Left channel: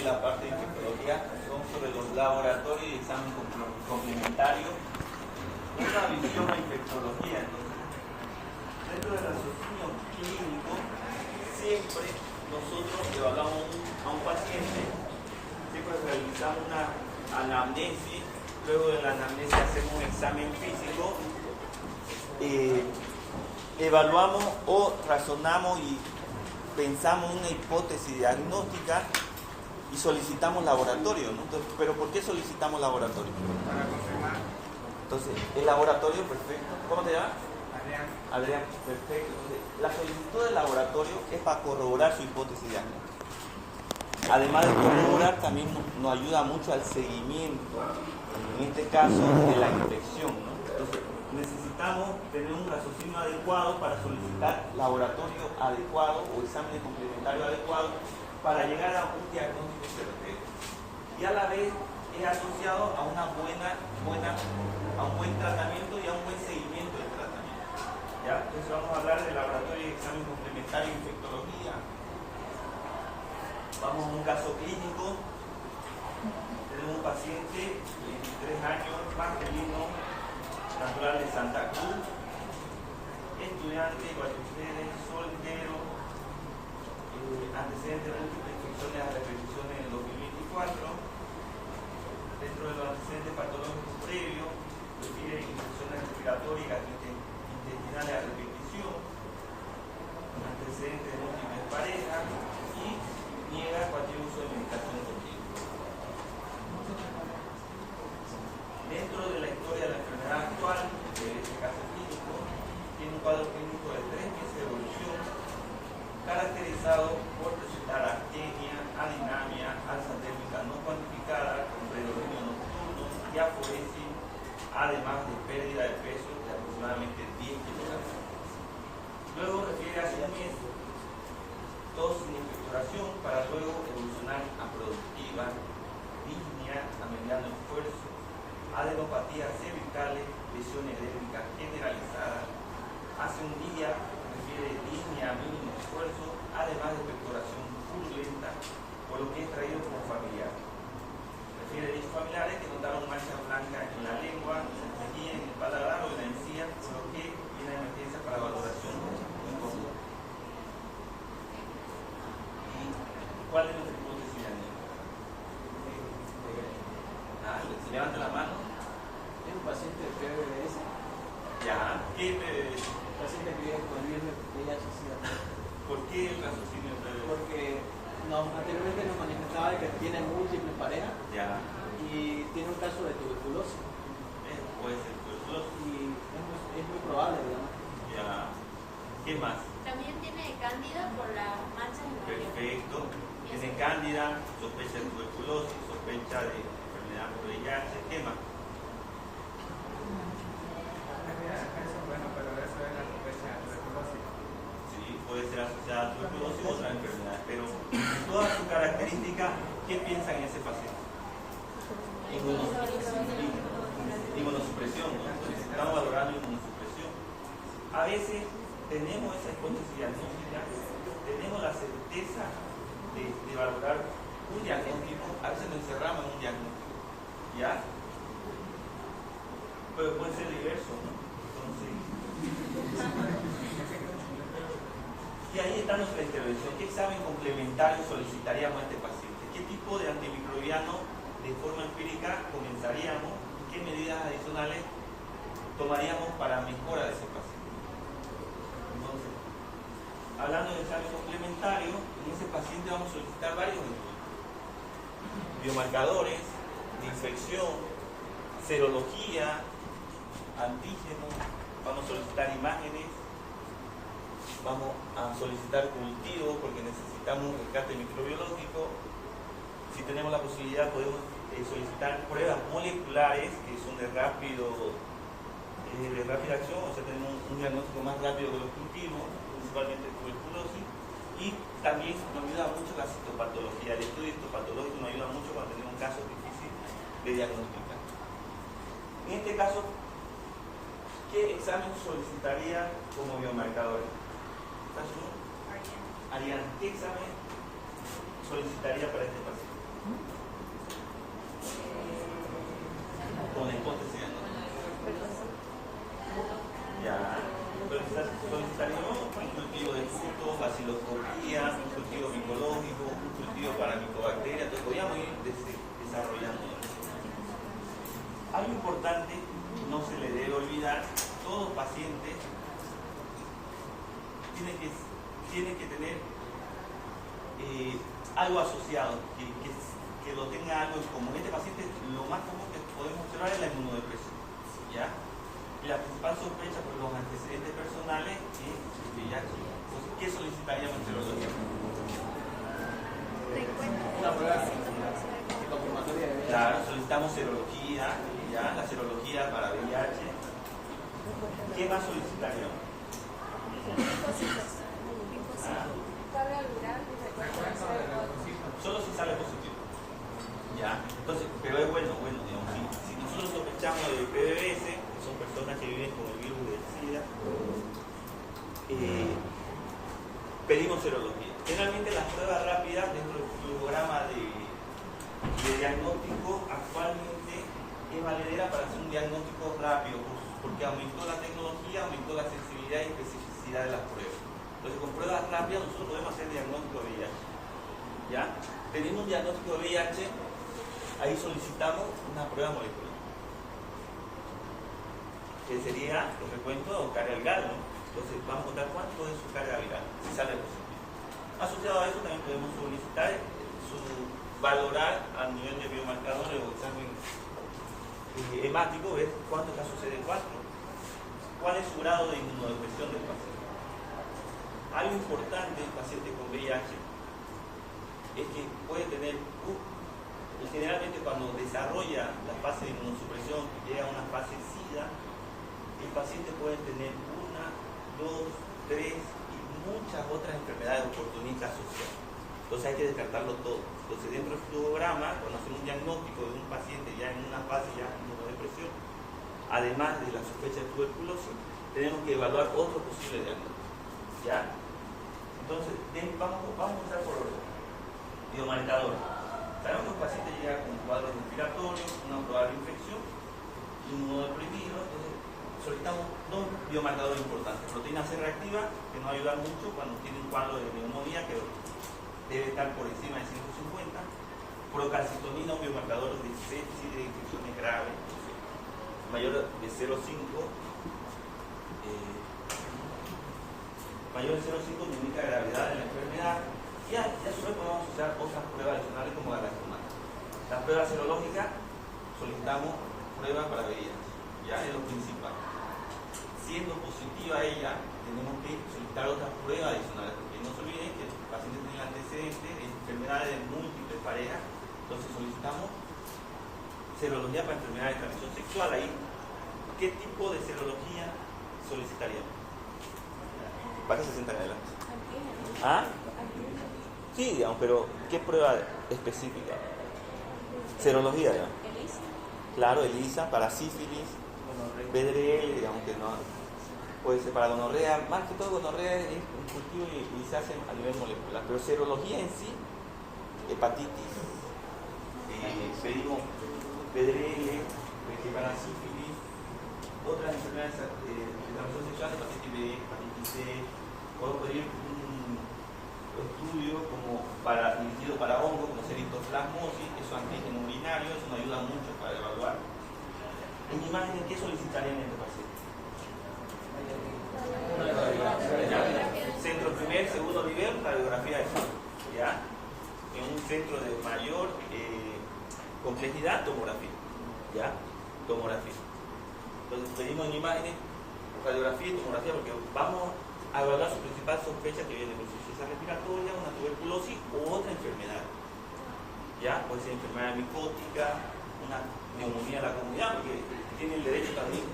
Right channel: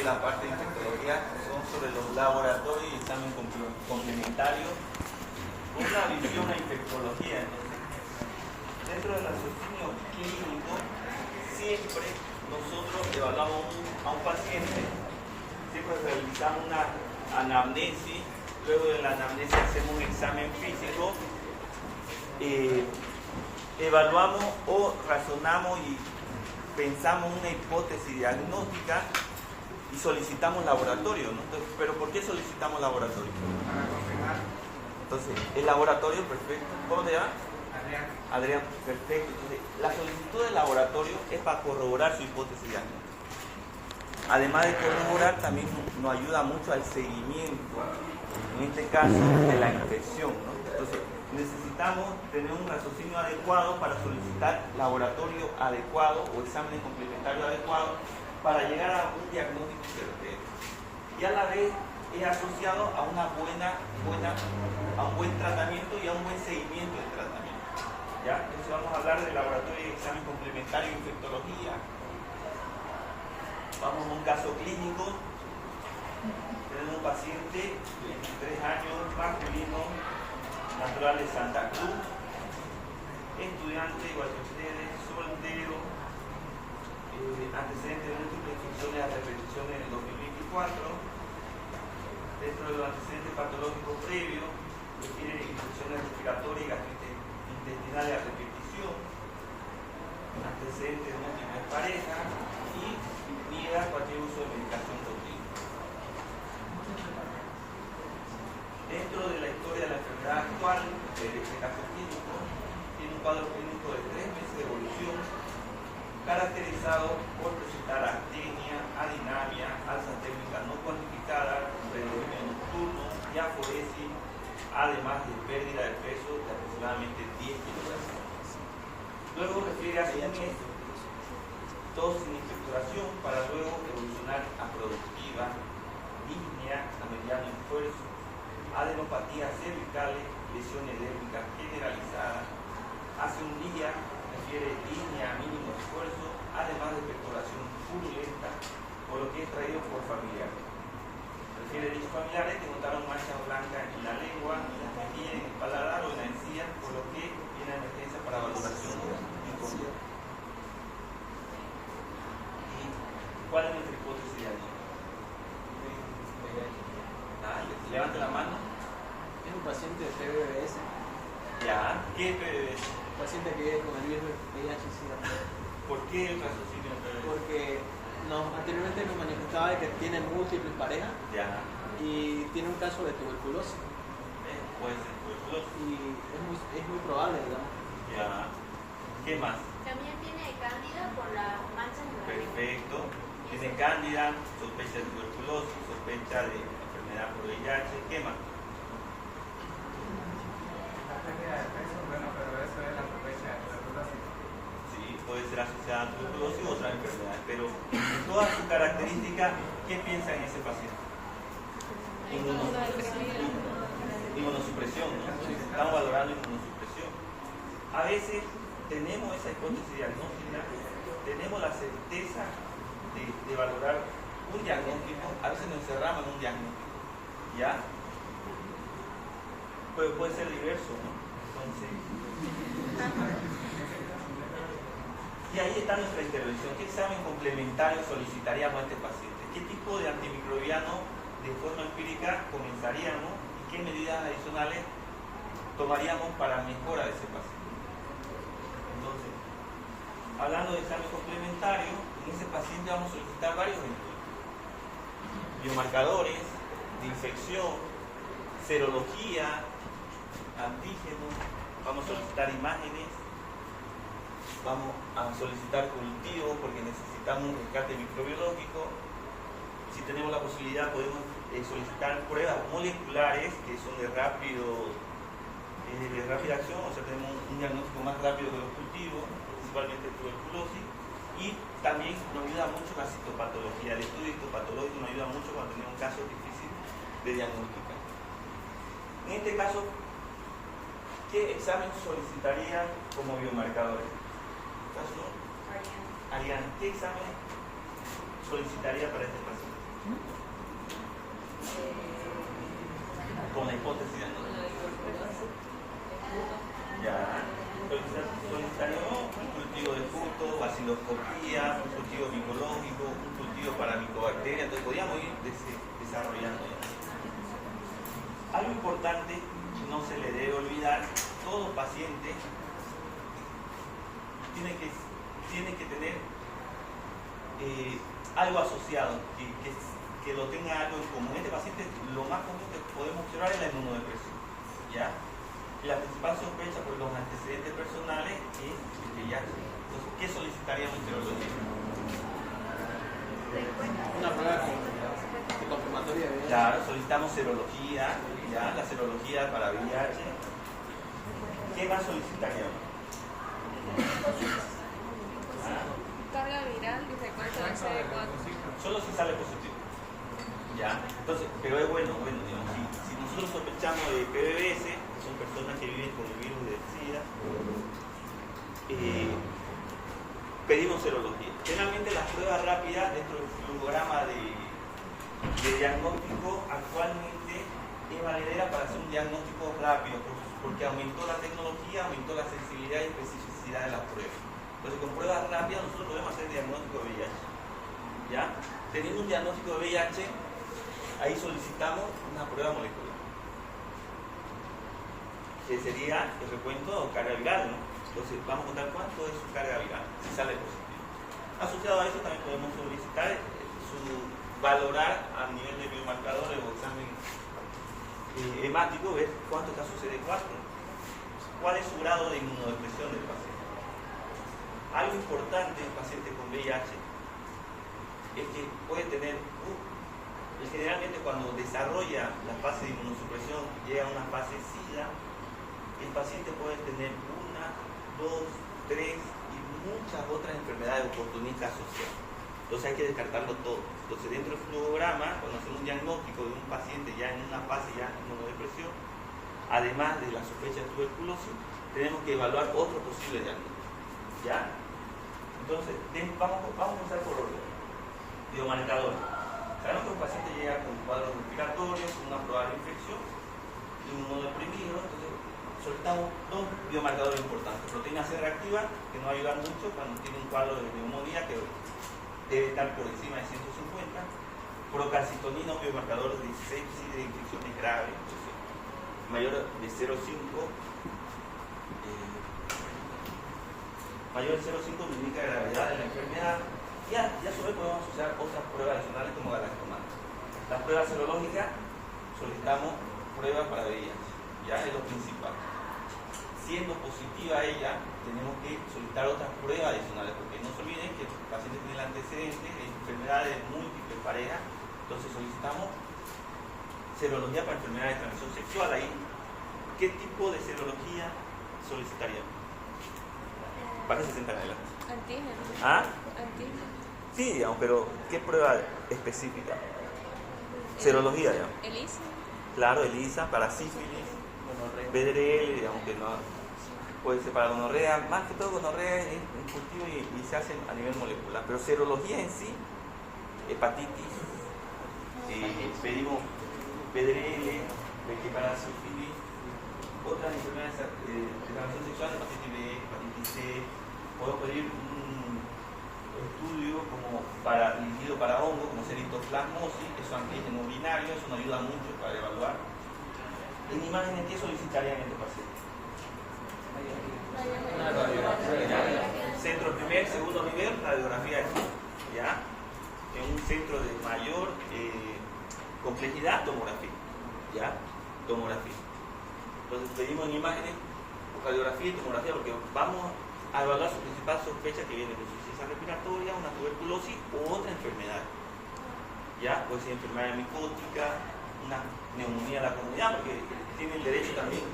de la parte de infectología son sobre los laboratorios y examen complementario. Una visión de infectología. Entonces, dentro del raciocinio clínico, siempre nosotros evaluamos a un paciente, siempre realizamos una anamnesis, luego de la anamnesis hacemos un examen físico, evaluamos o razonamos y pensamos una hipótesis diagnóstica y solicitamos laboratorio, ¿no? Entonces, ¿pero por qué solicitamos laboratorio? Para confirmar. Entonces, el laboratorio, perfecto. ¿Cómo te llamas? Adrián. Adrián, perfecto. Entonces, la solicitud del laboratorio es para corroborar su hipótesis diagnóstica. Además de corroborar, también nos ayuda mucho al seguimiento, en este caso, de la infección, ¿no? Entonces, necesitamos tener un raciocinio adecuado para solicitar laboratorio adecuado o examen complementario adecuado para llegar a un diagnóstico certero. Y a la vez es asociado a a un buen tratamiento y a un buen seguimiento del tratamiento. ¿Ya? Entonces vamos a hablar del laboratorio de examen complementario de infectología. Vamos a un caso clínico. Tenemos un paciente de 23 años, masculino, natural de Santa Cruz, estudiante, igual que ustedes, soltero, antecedentes de múltiples infecciones a repeticiones en el 2024. Dentro de los antecedentes patológicos previos, requiere infecciones respiratorias y gastritis intestinales a repetición, antecedentes de múltiples parejas y niega cualquier uso de medicación continua. Dentro de la historia de la enfermedad actual, de este caso clínico, tiene un cuadro clínico de 3 meses de evolución, caracterizado por presentar astenia, adinamia, alza térmica no cuantificada, predominio nocturno y aforesis, además de pérdida de peso de aproximadamente 10 kilogramos. Luego refiere a su mes, tos sin expectoración, para luego evolucionar a productiva, disnea a mediano esfuerzo, adenopatías cervicales, lesión edémica generalizada. Hace un día refiere disnea a mínimo esfuerzo, además de expectoración purulenta, por lo que es traído por familiar. Refiere de familiares que notaron manchas blancas en la lengua, en la mejilla, en el paladar o en la encía, por lo que tiene emergencia para valoración incómoda. ¿Y cuál es nuestra hipótesis diagnóstica? Levanta la mano. Es un paciente de PBS. Ya. ¿Qué PBS? Un paciente que vive con el virus VIH-Sida. ¿Por qué el raciocinio PBS? Porque anteriormente nos manifestaba que tiene múltiples parejas. Ya. Y tiene un caso de tuberculosis. Puede ser tuberculosis. Y es muy probable, digamos. Ya. ¿Qué más? También tiene cándida por la mancha en la lengua. Perfecto. Tiene cándida, sospecha de tuberculosis, sospecha de enfermedad por VIH. ¿Qué más? Bueno, pero eso es la sospecha de tuberculosis. Sí, puede ser asociada a tuberculosis u otras enfermedades, pero en todas sus características, ¿qué piensa en ese paciente? Inmunosupresión, ¿no? Entonces, estamos valorando inmunosupresión. A veces tenemos esa hipótesis diagnóstica, tenemos la certeza de valorar un diagnóstico, a veces nos encerramos en un diagnóstico, ¿ya? Pero puede ser diverso, ¿no? Entonces, y ahí está nuestra intervención. ¿Qué examen complementario solicitaríamos a este paciente? ¿Qué tipo de antimicrobiano de forma empírica comenzaríamos? ¿Y qué medidas adicionales tomaríamos para mejora de ese paciente? Entonces, hablando de examen complementario, en ese paciente vamos a solicitar varios estudios. Biomarcadores de infección, serología, antígenos, vamos a solicitar imágenes, vamos a solicitar cultivos porque necesitamos un rescate microbiológico. Si tenemos la posibilidad podemos solicitar pruebas moleculares que son de rápida acción, o sea tenemos un diagnóstico más rápido que los cultivos, principalmente tuberculosis, y también nos ayuda mucho la citopatología. El estudio histopatológico nos ayuda mucho cuando tenemos un caso difícil de diagnosticar. En este caso, ¿qué examen solicitaría como biomarcadores? Ariane, ¿qué examen solicitaría para este paciente? Con la hipótesis de no. Ya. Solicitaríamos un cultivo de frutos, baciloscopía, un cultivo micológico, un cultivo para micobacterias, entonces podríamos ir desarrollando eso. Algo importante, no se le debe olvidar, todo paciente tiene que tener algo asociado, que lo tenga algo en común. Este paciente, lo más común que podemos observar es la inmunodepresión, ¿ya? Y la principal sospecha por los antecedentes personales es el VIH. Entonces, ¿qué solicitaríamos en serología? Una prueba confirmatoria de Claro, solicitamos serología, ¿ya? La serología para VIH. ¿Qué más solicitaríamos? Carga viral y recuerdo Solo si sale positivo. ¿Ya? Entonces, pero es bueno, digamos, si nosotros sospechamos de PBS, que son personas que viven con el virus de SIDA, pedimos serología. Generalmente las pruebas rápidas dentro del programa de diagnóstico actualmente es valedera para hacer un diagnóstico rápido, porque aumentó la tecnología, aumentó la sensibilidad y especificidad de las pruebas. Entonces con pruebas rápidas nosotros podemos hacer diagnóstico de VIH. ¿Ya? Teniendo un diagnóstico de VIH, ahí solicitamos una prueba molecular. Que sería el recuento de carga viral, ¿no? Entonces vamos a contar cuánto es su carga viral, si sale positivo. Asociado a eso también podemos solicitar valorar a nivel de biomarcadores o examen hemático, ver cuántos casos CD4, cuál es su grado de inmunodepresión del paciente. Algo importante del paciente con VIH es que puede tener, generalmente cuando desarrolla la fase de inmunosupresión, llega a una fase SIDA, el paciente puede tener 1, 2, 3 y muchas otras enfermedades oportunistas asociadas. Entonces hay que descartarlo todo. Entonces dentro del flugograma, cuando hacemos un diagnóstico de un paciente ya en una fase ya de inmunodepresión, además de la sospecha de tuberculosis, tenemos que evaluar otro posible diagnóstico. ¿Ya? Entonces, vamos a empezar por orden. Biomarcadores. Sabemos que un paciente llega con cuadros respiratorios, una probable infección, inmunodeprimido, entonces solicitamos 2 biomarcadores importantes. Proteína C reactiva, que nos va a ayudar mucho cuando tiene un cuadro de neumonía que debe estar por encima de 150. Procalcitonina, un biomarcador de sepsis, de infecciones graves, entonces, mayor de 0,5. Mayor de 0,5 nos indica gravedad de la enfermedad. Y a su vez podemos usar otras pruebas adicionales como la gastromana. Las pruebas serológicas solicitamos pruebas para VIH, ya es lo principal. Siendo positiva ella, tenemos que solicitar otras pruebas adicionales, porque no se olviden que el paciente tiene el antecedente de enfermedades múltiples parejas, entonces solicitamos serología para enfermedades de transmisión sexual. Ahí, ¿qué tipo de serología solicitaríamos? ¿Para qué se sientan adelante? Antígenos. ¿Ah? Antígenos. Sí, digamos, pero ¿qué prueba específica? Serología, digamos. ELISA. Claro, ELISA para sífilis, VDRL, digamos que no puede ser para gonorrea, más que todo gonorrea es un cultivo y se hace a nivel molecular, pero serología en sí, hepatitis, pedimos VDRL, que para sífilis, otras enfermedades de transmisión sexual, hepatitis B, hepatitis C, podemos pedir un estudio como dirigido para hongos, como ser histoplasmosis, que son antígenos binarios, eso nos ayuda mucho para evaluar. En imágenes, ¿qué solicitarían en este paciente? Centro primer, segundo nivel, radiografía de fondo, ¿ya? En un centro de mayor complejidad, tomografía, ¿ya? Tomografía. Entonces pedimos en imágenes radiografía y tomografía porque vamos a evaluar su principal sospecha que viene de insuficiencia respiratoria, una tuberculosis o otra enfermedad. ¿Ya? Puede ser enfermedad micótica, una neumonía de la comunidad, porque tiene el derecho también,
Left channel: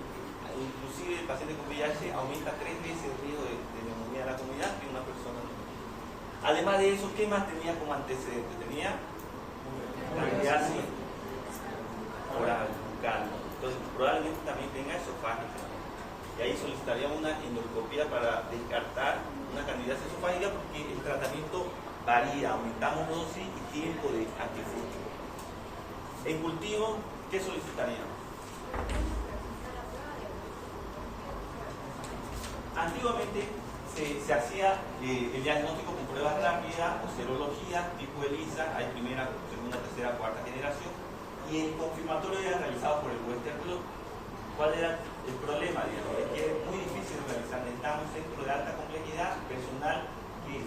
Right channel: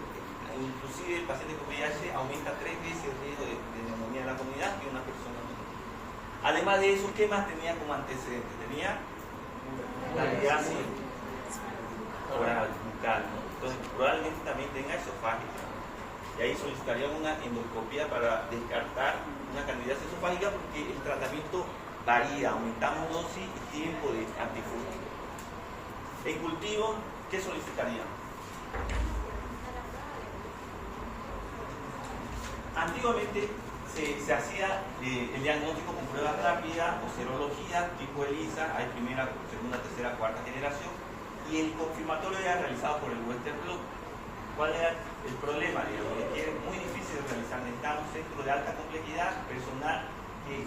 inclusive el paciente con VIH aumenta 3 veces el riesgo de neumonía de la comunidad que una persona no. Además de eso, ¿qué más tenía como antecedente? Tenía candidiasis oral, bucal, ¿no? Entonces probablemente también tenga esofágica. Y ahí solicitaríamos una endoscopía para descartar una candidiasis esofágica porque el tratamiento varía, aumentamos dosis y tiempo de antifúngico. En cultivo, ¿qué solicitaríamos? Antiguamente se hacía el diagnóstico con pruebas rápidas o serología tipo ELISA, hay primera, segunda, tercera, cuarta generación, y el confirmatorio era realizado por el Western Blot. ¿Cuál era el problema? Digamos, es que es muy difícil de realizar. Necesitamos un centro de alta complejidad, personal, que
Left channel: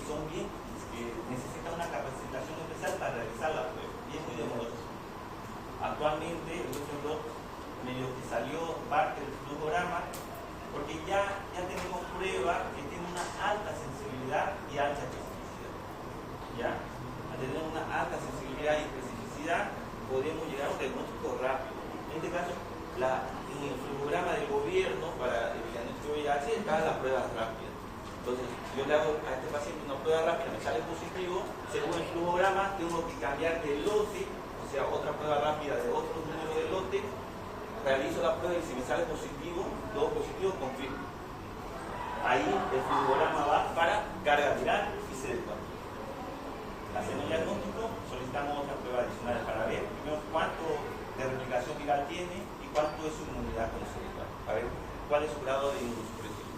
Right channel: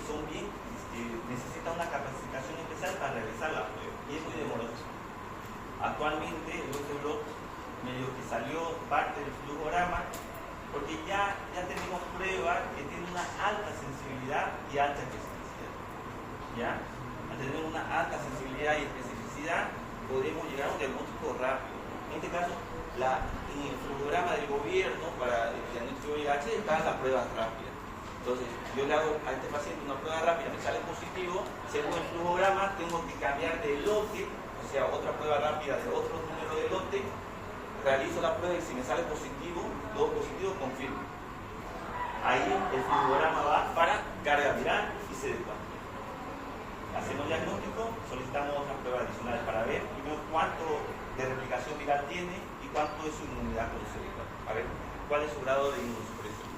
necesita una capacitación especial para realizar la prueba, y es muy demoroso. Actualmente el Western Blot medio que salió parte del flujograma, porque ya tenemos pruebas que tienen una alta sensibilidad y alta especificidad. ¿Ya? Al tener una alta sensibilidad y especificidad, podremos llegar a un diagnóstico rápido. En este caso, en el flujograma del gobierno para el diagnóstico de VIH están las pruebas rápidas. Entonces, yo le hago a este paciente una prueba rápida, me sale positivo, según el flujograma tengo que cambiar de lote, o sea, otra prueba rápida de otro número de lote, realizo la prueba y si me sale positivo, todo positivo, confirmo. Ahí el flujograma va para carga viral y CD4. Hacemos el diagnóstico, solicitamos otras pruebas adicionales para ver primero cuánto de replicación viral tiene y cuánto es su inmunidad con el CD4, para ver cuál es su grado de inmunosupresión.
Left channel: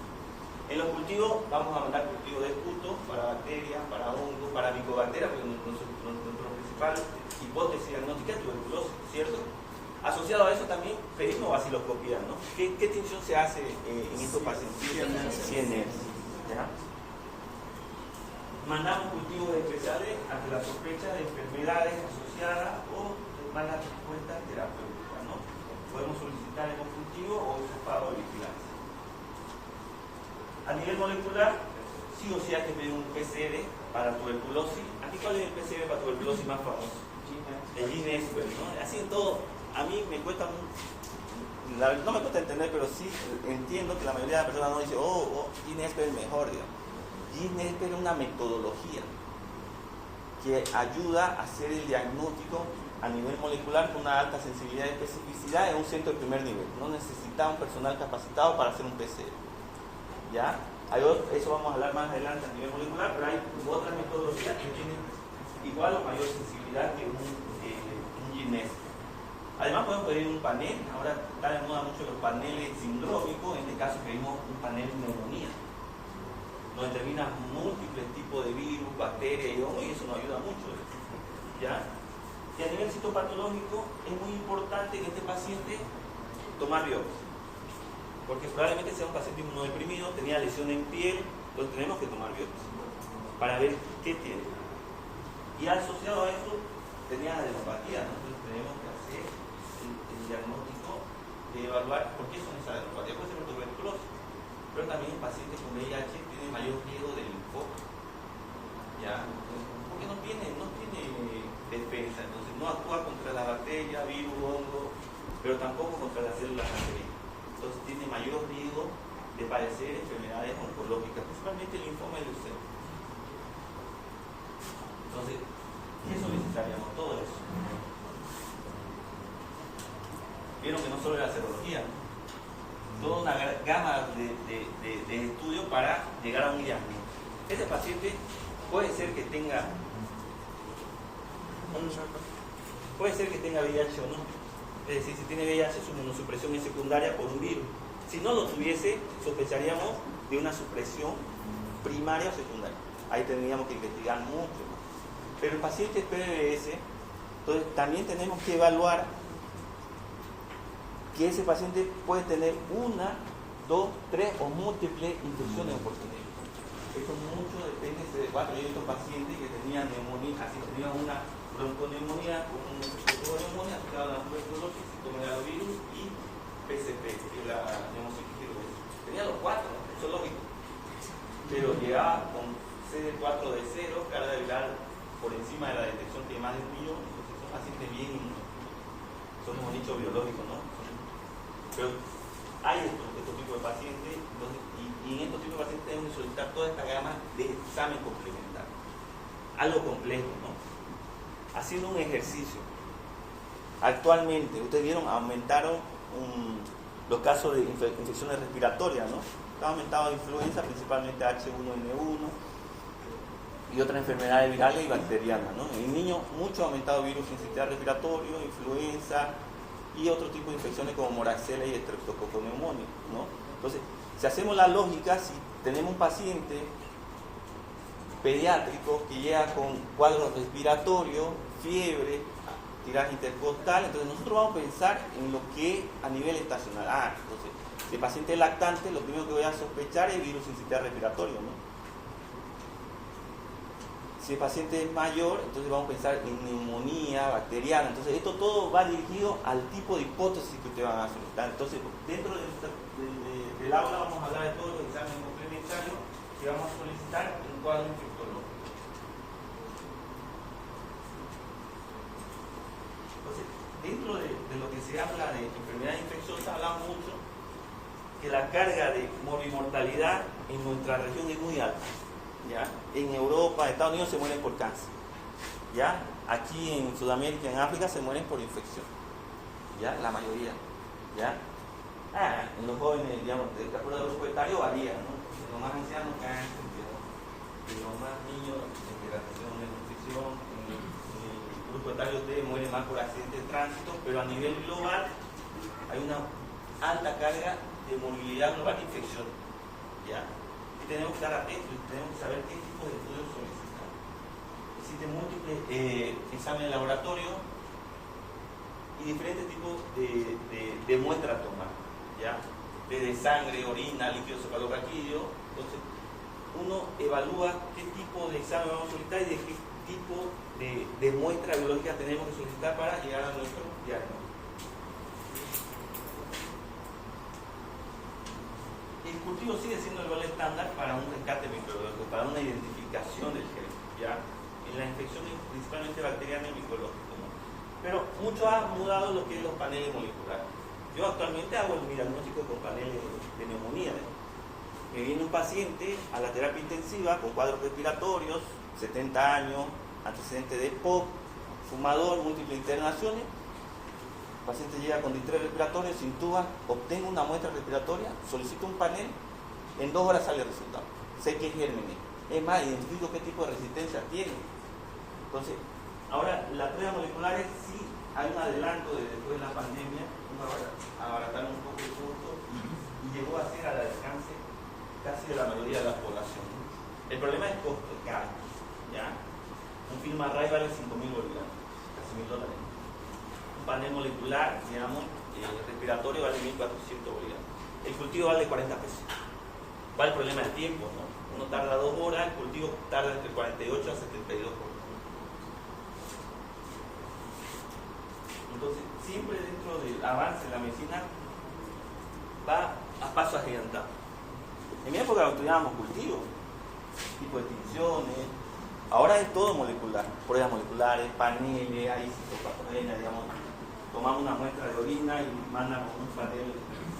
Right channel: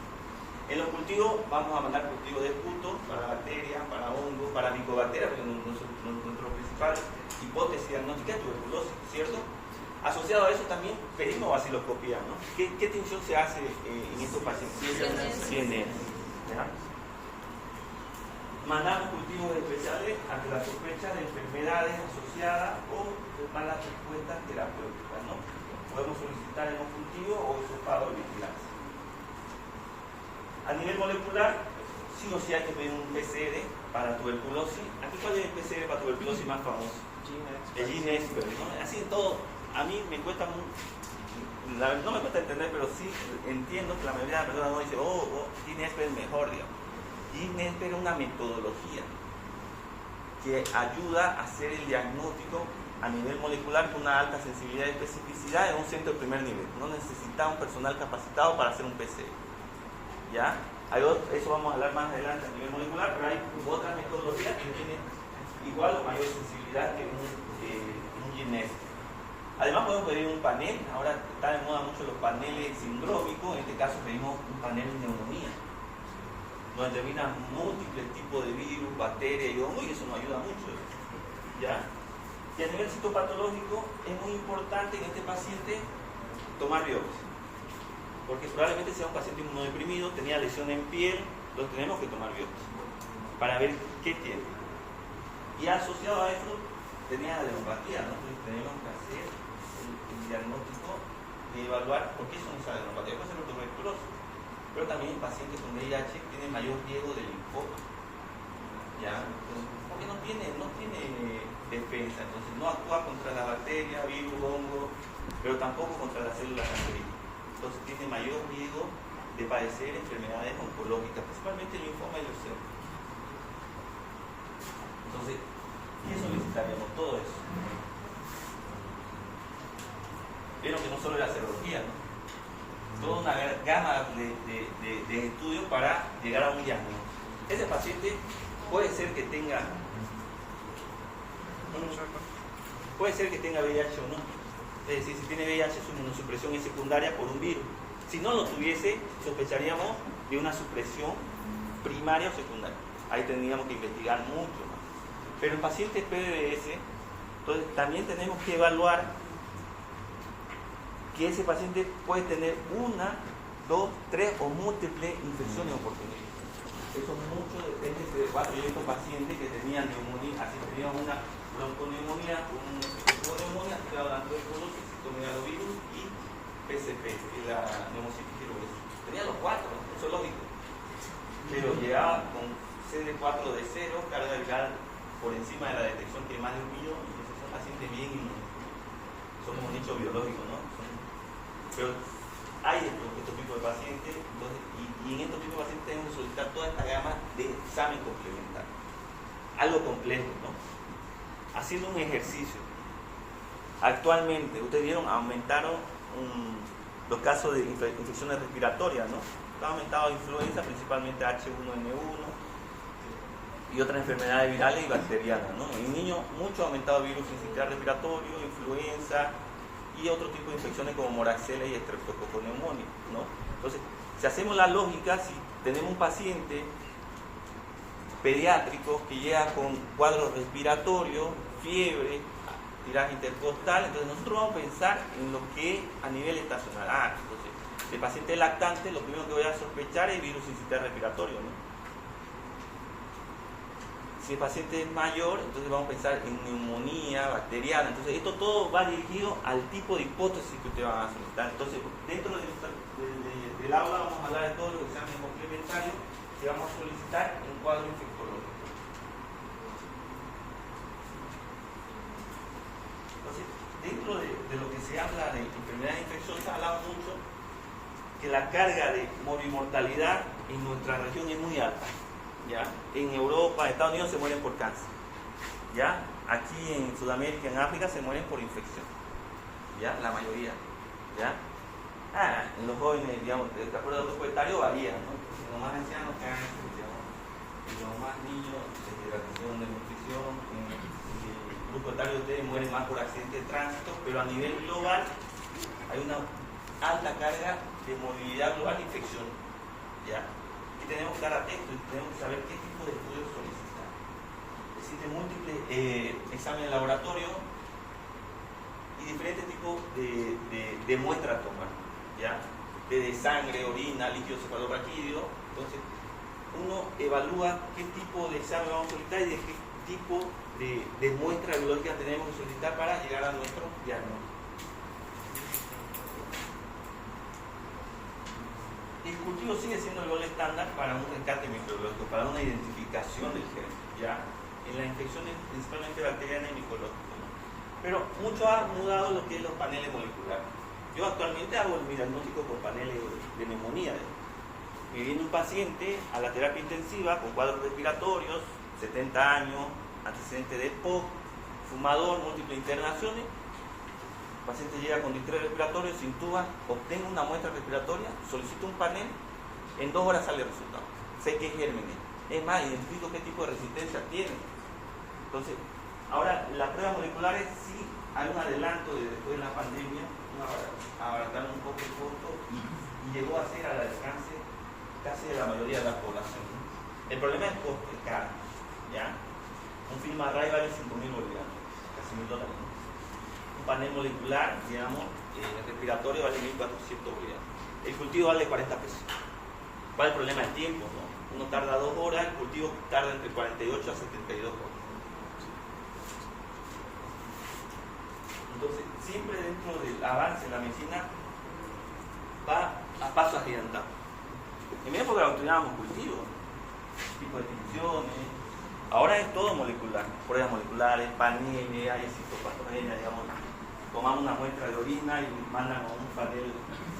En los cultivos vamos a mandar cultivos de esputo para bacterias, para hongos, para micobacterias, porque nuestro principal hipótesis diagnóstica es tuberculosis, ¿cierto? Asociado a eso también pedimos vaciloscopía, ¿no? ¿Qué tinción se hace en estos pacientes? CNS. ¿Ya? Mandamos cultivos especiales ante la sospecha de enfermedades asociadas o de malas respuestas terapéuticas, ¿no? Podemos solicitar en un cultivo o hisopado de vigilancia. A nivel molecular, sí o sí hay que pedir un PCR para tuberculosis. ¿Aquí cuál es el PCR para tuberculosis más famoso? El Ginesper, ¿no? Así de todo. A mí me cuesta, no me cuesta entender, pero sí entiendo que la mayoría de las personas no dice, Ginesper es mejor, digamos. Ginesper es una metodología que ayuda a hacer el diagnóstico a nivel molecular con una alta sensibilidad y especificidad en un centro de primer nivel. No necesita un personal capacitado para hacer un PCR. ¿Ya? Eso vamos a hablar más adelante a nivel molecular, pero hay otras metodologías que tienen igual o mayor sensibilidad que un Ginesper. Además podemos pedir un panel, ahora están de moda mucho los paneles sindrómicos, en este caso pedimos un panel de neumonía, donde terminan múltiples tipos de virus, bacterias y hongos, y eso nos ayuda mucho. ¿Ya? Y a nivel citopatológico es muy importante en este paciente tomar biopsia, porque probablemente sea un paciente inmunodeprimido, tenía lesión en piel, entonces tenemos que tomar biopsia para ver qué tiene. Y asociado a eso tenía adenopatía, ¿no? Entonces tenemos que hacer el diagnóstico de evaluar por qué son esas adenopatías. Puede ser tuberculosis, pero también pacientes con VIH tienen mayor riesgo de linfoma. ¿Ya? Entonces, porque no tiene defensa, entonces no actúa contra la bacteria, virus, hongo, pero tampoco contra las células cancerígenas. Entonces tiene mayor riesgo de padecer enfermedades oncológicas, principalmente el linfoma y leucemia. Entonces, ¿qué solicitaríamos? Todo eso. Vieron que no solo la serología, ¿no? Toda una gama de estudios para llegar a un diagnóstico. Ese paciente puede ser que tenga VIH o no. Es decir, si tiene VIH, su inmunosupresión es secundaria por un virus. Si no lo tuviese, sospecharíamos de una supresión primaria o secundaria. Ahí tendríamos que investigar mucho más. Pero el paciente PBS, entonces también tenemos que evaluar que ese paciente puede tener una, dos, tres o múltiples infecciones oportunistas. Eso mucho depende de cuatro. Yo he visto pacientes que tenían neumonía, así tenían una bronconeumonía, una neumonía, la tuberculosis, citomegalovirus y PCP, y la neumocitis tiroides. Tenía los cuatro, ¿no? Eso es lógico. Pero llegaba con CD4 de 0, carga viral por encima de la detección que más de 1 millón, entonces son pacientes bien inmunosuprimidos. Son un nicho biológico, ¿no? Pero hay estos tipos de pacientes, entonces, y en estos tipos de pacientes tenemos que solicitar toda esta gama de examen complementario. Algo complejo, ¿no? Haciendo un ejercicio. Actualmente, ustedes vieron, aumentaron los casos de infecciones respiratorias, ¿no? Ha aumentado influenza, principalmente H1N1, y otras enfermedades virales y bacterianas, ¿no? En niños mucho ha aumentado el virus sincitial respiratorio, influenza y otro tipo de infecciones como moraxella y estreptococcus pneumoniae, ¿no? Entonces, si hacemos la lógica, si tenemos un paciente pediátrico que llega con cuadros respiratorios, fiebre, tiraje intercostal, entonces nosotros vamos a pensar en lo que a nivel estacional. Entonces, el paciente lactante, lo primero que voy a sospechar es virus sincitial respiratorio, ¿no? Si el paciente es mayor, entonces vamos a pensar en neumonía bacteriana. Entonces, esto todo va dirigido al tipo de hipótesis que ustedes van a solicitar. Entonces, dentro del aula vamos a hablar de todos los exámenes complementarios que vamos a solicitar en un cuadro infectológico. Entonces, dentro de lo que se habla de enfermedades infecciosas, hablamos mucho que la carga de morbimortalidad en nuestra región es muy alta. ¿Ya? En Europa, en Estados Unidos se mueren por cáncer. ¿Ya? Aquí en Sudamérica, en África se mueren por infección. ¿Ya? La mayoría. ¿Ya? En los jóvenes, digamos, de acuerdo al grupo etario varía, ¿no? Los más ancianos cáncer, y los más niños, deshidratación, desnutrición. En el grupo etario ustedes mueren más por accidentes de tránsito, pero a nivel global hay una alta carga de movilidad global de infección. ¿Ya? Y tenemos que estar atentos y tenemos que saber qué tipo de estudios solicitar. Existen múltiples exámenes de laboratorio y diferentes tipos de muestras a tomar, ¿ya? Desde sangre, orina, líquido cefalorraquídeo. Entonces, uno evalúa qué tipo de examen vamos a solicitar y de qué tipo de muestra biológica tenemos que solicitar para llegar a nuestro diagnóstico. El cultivo sigue siendo el valor estándar para un rescate microbiológico, para una identificación del gen, ¿ya? En las infecciones principalmente bacterianas y micológicas, ¿no? Pero mucho ha mudado lo que es los paneles moleculares. Yo actualmente hago el diagnóstico con paneles de neumonía, ¿no? Me viene un paciente a la terapia intensiva con cuadros respiratorios, 70 años, antecedentes de POC, fumador, múltiples internaciones. El paciente llega con distrés respiratorio, se intuba, obtengo una muestra respiratoria, solicito un panel, en 2 horas sale el resultado. Sé que es gérmenes. Es más, identifico qué tipo de resistencia tiene. Entonces, ahora las pruebas moleculares sí hay un adelanto de después de la pandemia, abarataron un poco el costo y llegó a ser al alcance casi de la mayoría de la población, ¿no? El problema es coste, caro, ¿ya? Un film array vale 5.000 bolivianos, casi $1.000, ¿no? Un panel molecular, digamos, respiratorio vale 1.400 bolivianos. El cultivo vale 40 pesos. ¿Cuál es el problema del tiempo, no? Uno tarda 2 horas, el cultivo tarda entre 48 a 72 horas. Entonces, siempre dentro del avance de la medicina va a paso agigantado. En mi época estudiábamos cultivos, tipo de extinciones. Ahora es todo molecular, pruebas moleculares, paneles, hay citopatogenia, digamos. Tomamos una muestra de orina y mandan un panel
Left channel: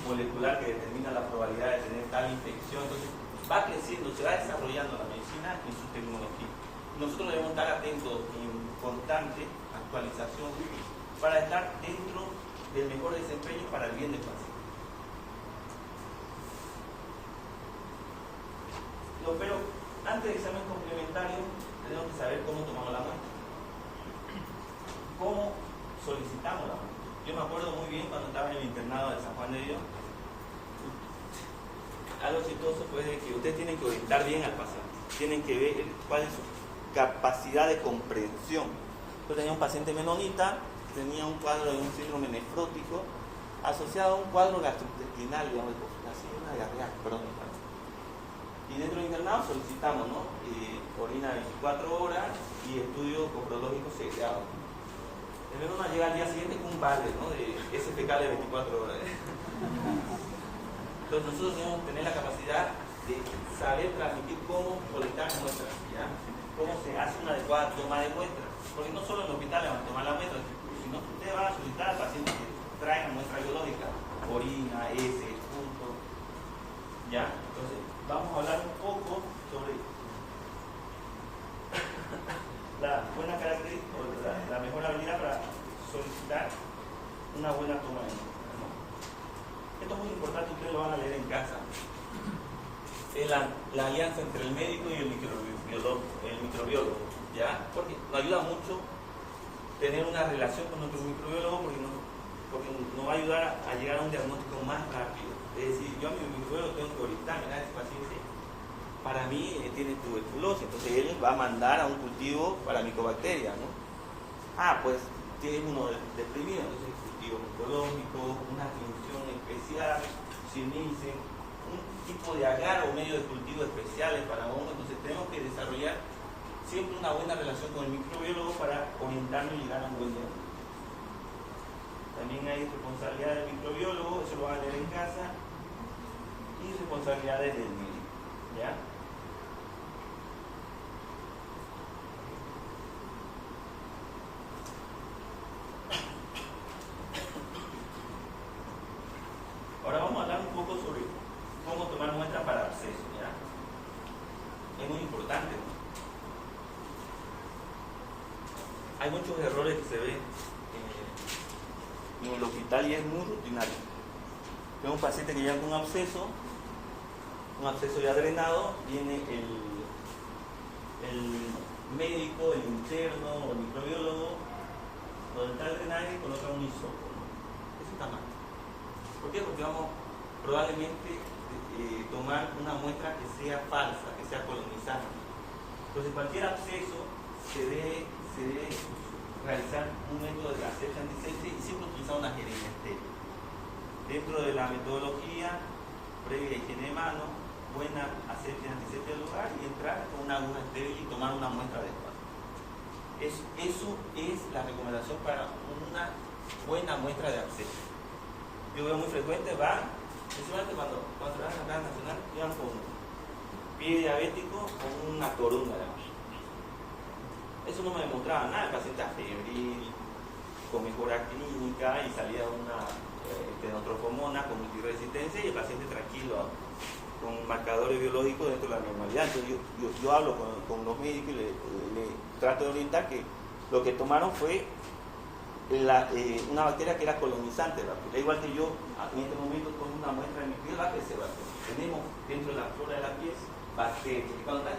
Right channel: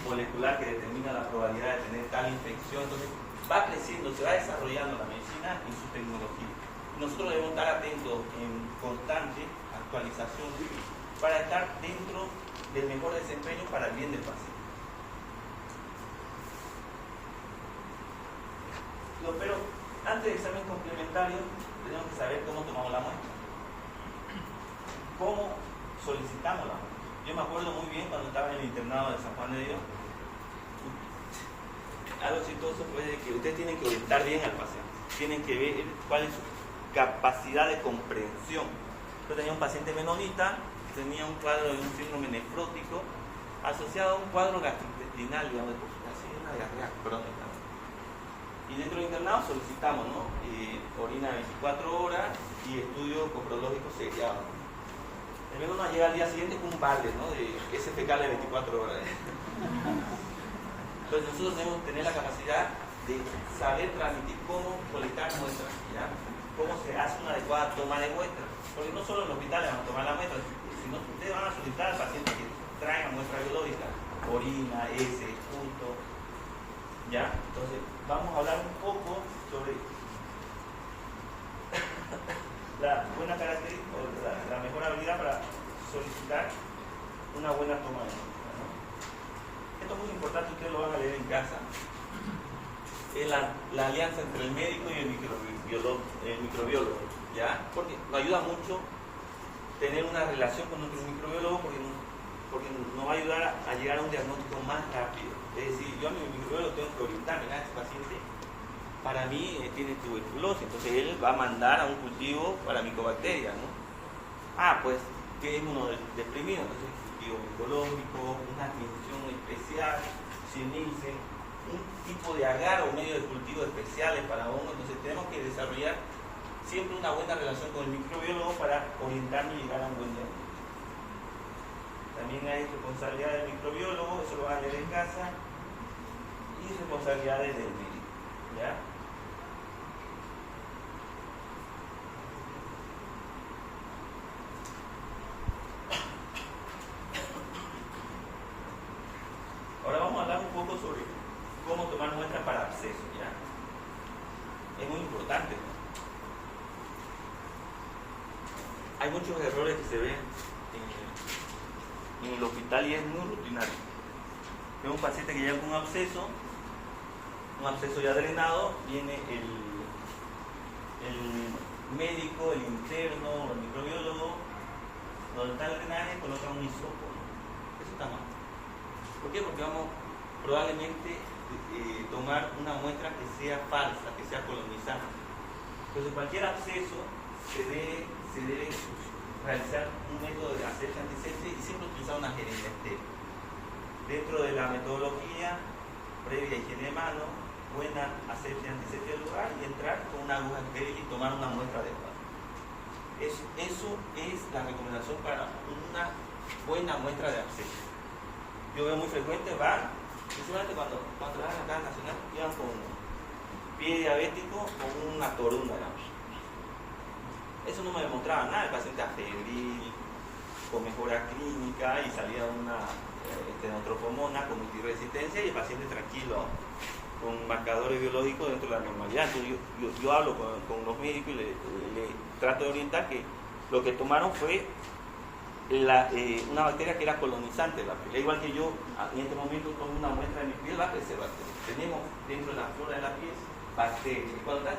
molecular que determina la probabilidad de tener tal infección. Entonces, va creciendo, se va desarrollando la medicina y su tecnología. Nosotros debemos estar atentos en constante actualización para estar dentro del mejor desempeño para el bien del paciente. Pero antes del examen complementario tenemos que saber cómo tomamos la muestra, cómo solicitamos la muestra. Yo me acuerdo muy bien cuando estaba en el internado de San Juan de Dios, algo chistoso fue de que ustedes tienen que orientar bien al paciente, tienen que ver cuál es su capacidad de comprensión. Yo tenía un paciente menonita, tenía un cuadro de un síndrome nefrótico asociado a un cuadro gastrointestinal, digamos, así una diarrea crónica. Y dentro del internado solicitamos, ¿no? Orina 24 horas y estudio coprológico seriado. El menor llega al día siguiente con un balde, ¿no? De SPK de 24 horas. Entonces nosotros debemos tener la capacidad de saber transmitir cómo colectar muestras, ¿ya? Cómo se hace una adecuada toma de muestras. Porque no solo en el hospital van a tomar la muestra, sino que ustedes van a solicitar al paciente que traigan muestra biológica, orina, heces, punto, ¿ya? Entonces vamos a hablar un poco sobre la buena característica, la mejor habilidad para solicitar una buena toma de muestra, ¿no? Esto es muy importante, ustedes lo van a leer en casa. es la alianza entre el médico y el microbiólogo, ¿ya? Porque nos ayuda mucho tener una relación con nuestro microbiólogo porque nos va a ayudar a llegar a un diagnóstico más rápido. Es decir, yo a mi microbiólogo tengo que orientar, mira, este paciente para mí tiene tuberculosis, entonces él va a mandar a un cultivo para micobacterias, ¿no? Pues tiene inmunodeprimido, es un cultivo micológico, una atención especial, CIMICE, un tipo de agar o medio de cultivo especiales para hongos. Entonces tenemos que desarrollar siempre una buena relación con el microbiólogo para orientarnos y llegar a un buen diagnóstico. También hay responsabilidad del microbiólogo, eso lo van a leer en casa, y responsabilidades del médico, ¿ya? Ahora vamos a hablar un poco sobre cómo tomar muestras para abscesos, ¿ya? Es muy importante, ¿no? Hay muchos errores que se ven en el hospital y es muy rutinario. Tengo un paciente que llega con un absceso ya drenado, viene el médico, el interno, el microbiólogo, donde está el drenaje, coloca un hisopo, ¿no? Eso está mal. ¿Por qué? Porque vamos probablemente tomar una muestra que sea falsa, que sea colonizante. Entonces cualquier absceso se debe realizar un método de asepsia antiséptica y siempre utilizar una jeringa estéril. Dentro de la metodología previa higiene de mano, buena asepsia antiséptica del lugar y entrar con una aguja estéril y tomar una muestra adecuada. Eso es la recomendación para una buena muestra de absceso. Yo veo muy frecuente, principalmente cuando van acá al Nacional, llevan con pie diabético con una torunda, digamos. Eso no me demostraba nada, el paciente febril, con mejora clínica y salida de una estenotropomona con multiresistencia y el paciente tranquilo, con marcadores biológicos dentro de la normalidad. Entonces yo hablo con los médicos y le trato de orientar que lo que tomaron fue una bacteria que era colonizante de la piel. Igual que yo, en este momento, con una muestra de mi piel va a crecer bacterias. Tenemos dentro de la flora de la piel bacterias. Y cuando está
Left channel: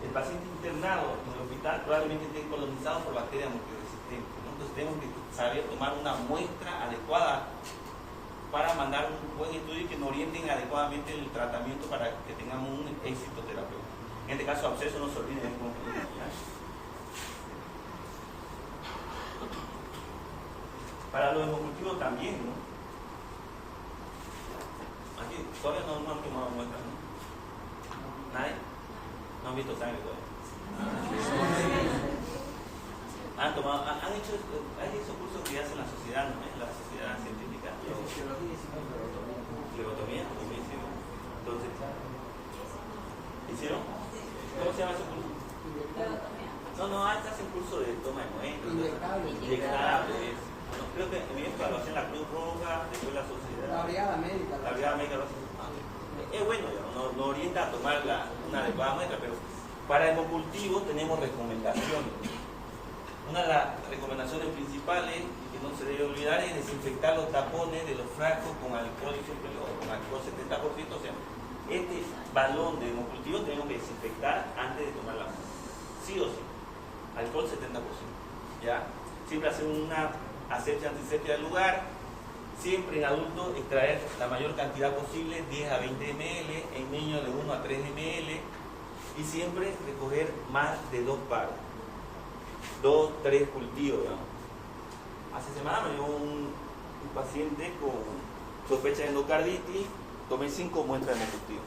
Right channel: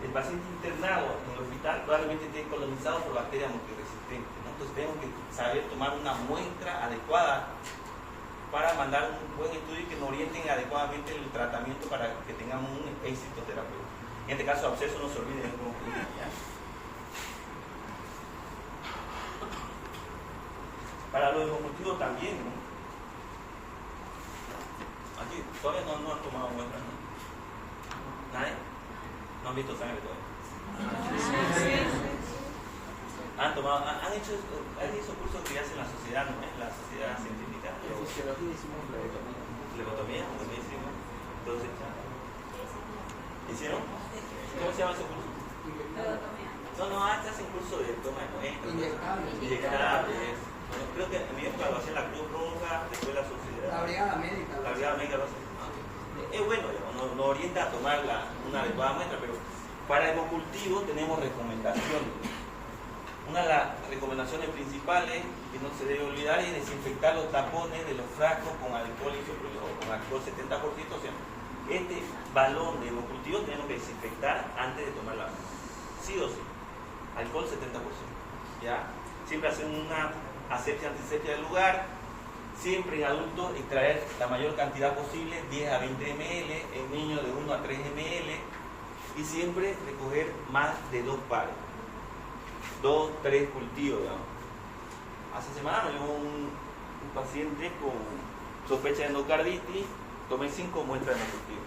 el paciente internado en el hospital, probablemente esté colonizado por bacterias multiresistentes, ¿no? Entonces tenemos que saber tomar una muestra adecuada para mandar un buen estudio y que nos orienten adecuadamente el tratamiento para que tengamos un éxito terapéutico. En este caso, absceso, no se olviden, es como clínica. Para los hemocultivos también, ¿no? Aquí todavía no han tomado muestras, ¿no? ¿Nadie? ¿No han visto sangre todavía? Han hecho cursos que hacen la sociedad, ¿no? La sociedad científica. Flebotomía, buenísimo. Entonces, ¿hicieron? ¿Cómo se llama ese curso? No, hacen curso de toma de muestras. Inyectables. Bueno, creo que en mi época lo hacía la Cruz Roja, después la sociedad. La Brigada Médica. La Brigada Médica lo hace. Es bueno, nos orienta a tomar una adecuada muestra, pero para hemocultivo tenemos recomendaciones. Una de las recomendaciones principales que no se debe olvidar es desinfectar los tapones de los frascos con alcohol isopropílico o con alcohol 70%. O sea, este balón de hemocultivo tenemos que desinfectar antes de tomar la muestra. Sí o sí. Alcohol 70%. ¿Ya? Siempre hacer una asepsia antiséptica del lugar. Siempre en adultos extraer la mayor cantidad posible, 10 a 20 ml, en niños de 1 a 3 ml, y siempre recoger más de 2 pares, 2, 3 cultivos, digamos. Hace semana me llegó un paciente con sospecha de endocarditis, tomé 5 muestras de hemocultivo.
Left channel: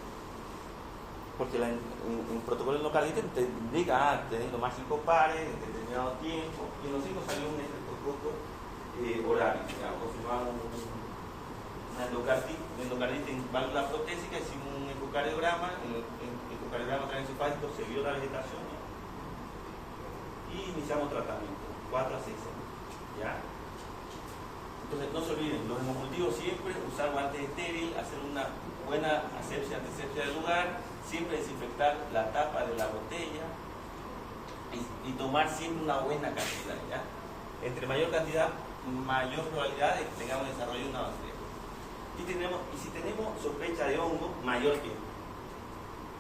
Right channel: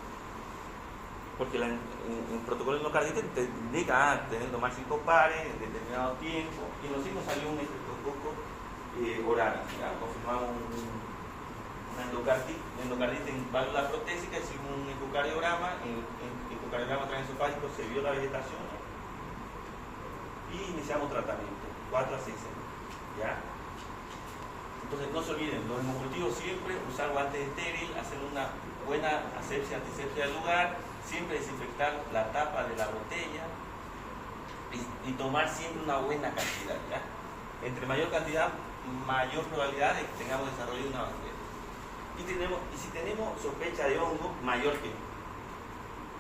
Porque en el protocolo de endocarditis te indica tener que tomar 5 pares en determinado tiempo, y en los 5 salió un estreptococo horario, confirmamos una endocarditis en válvula protésica sin un ecocardiograma. En el ecocardiograma transesofágico se vio la vegetación, ¿no? Y iniciamos tratamiento 4 a 6 años, ¿ya? Entonces no se olviden, los hemocultivos siempre usar guantes estériles, hacer una buena asepsia antiséptica del lugar, siempre desinfectar la tapa de la botella y tomar siempre una buena cantidad, ¿ya? Entre mayor cantidad, mayor probabilidad de que tengamos desarrollo de una bacteria. Y si tenemos sospecha de hongo, mayor tiempo.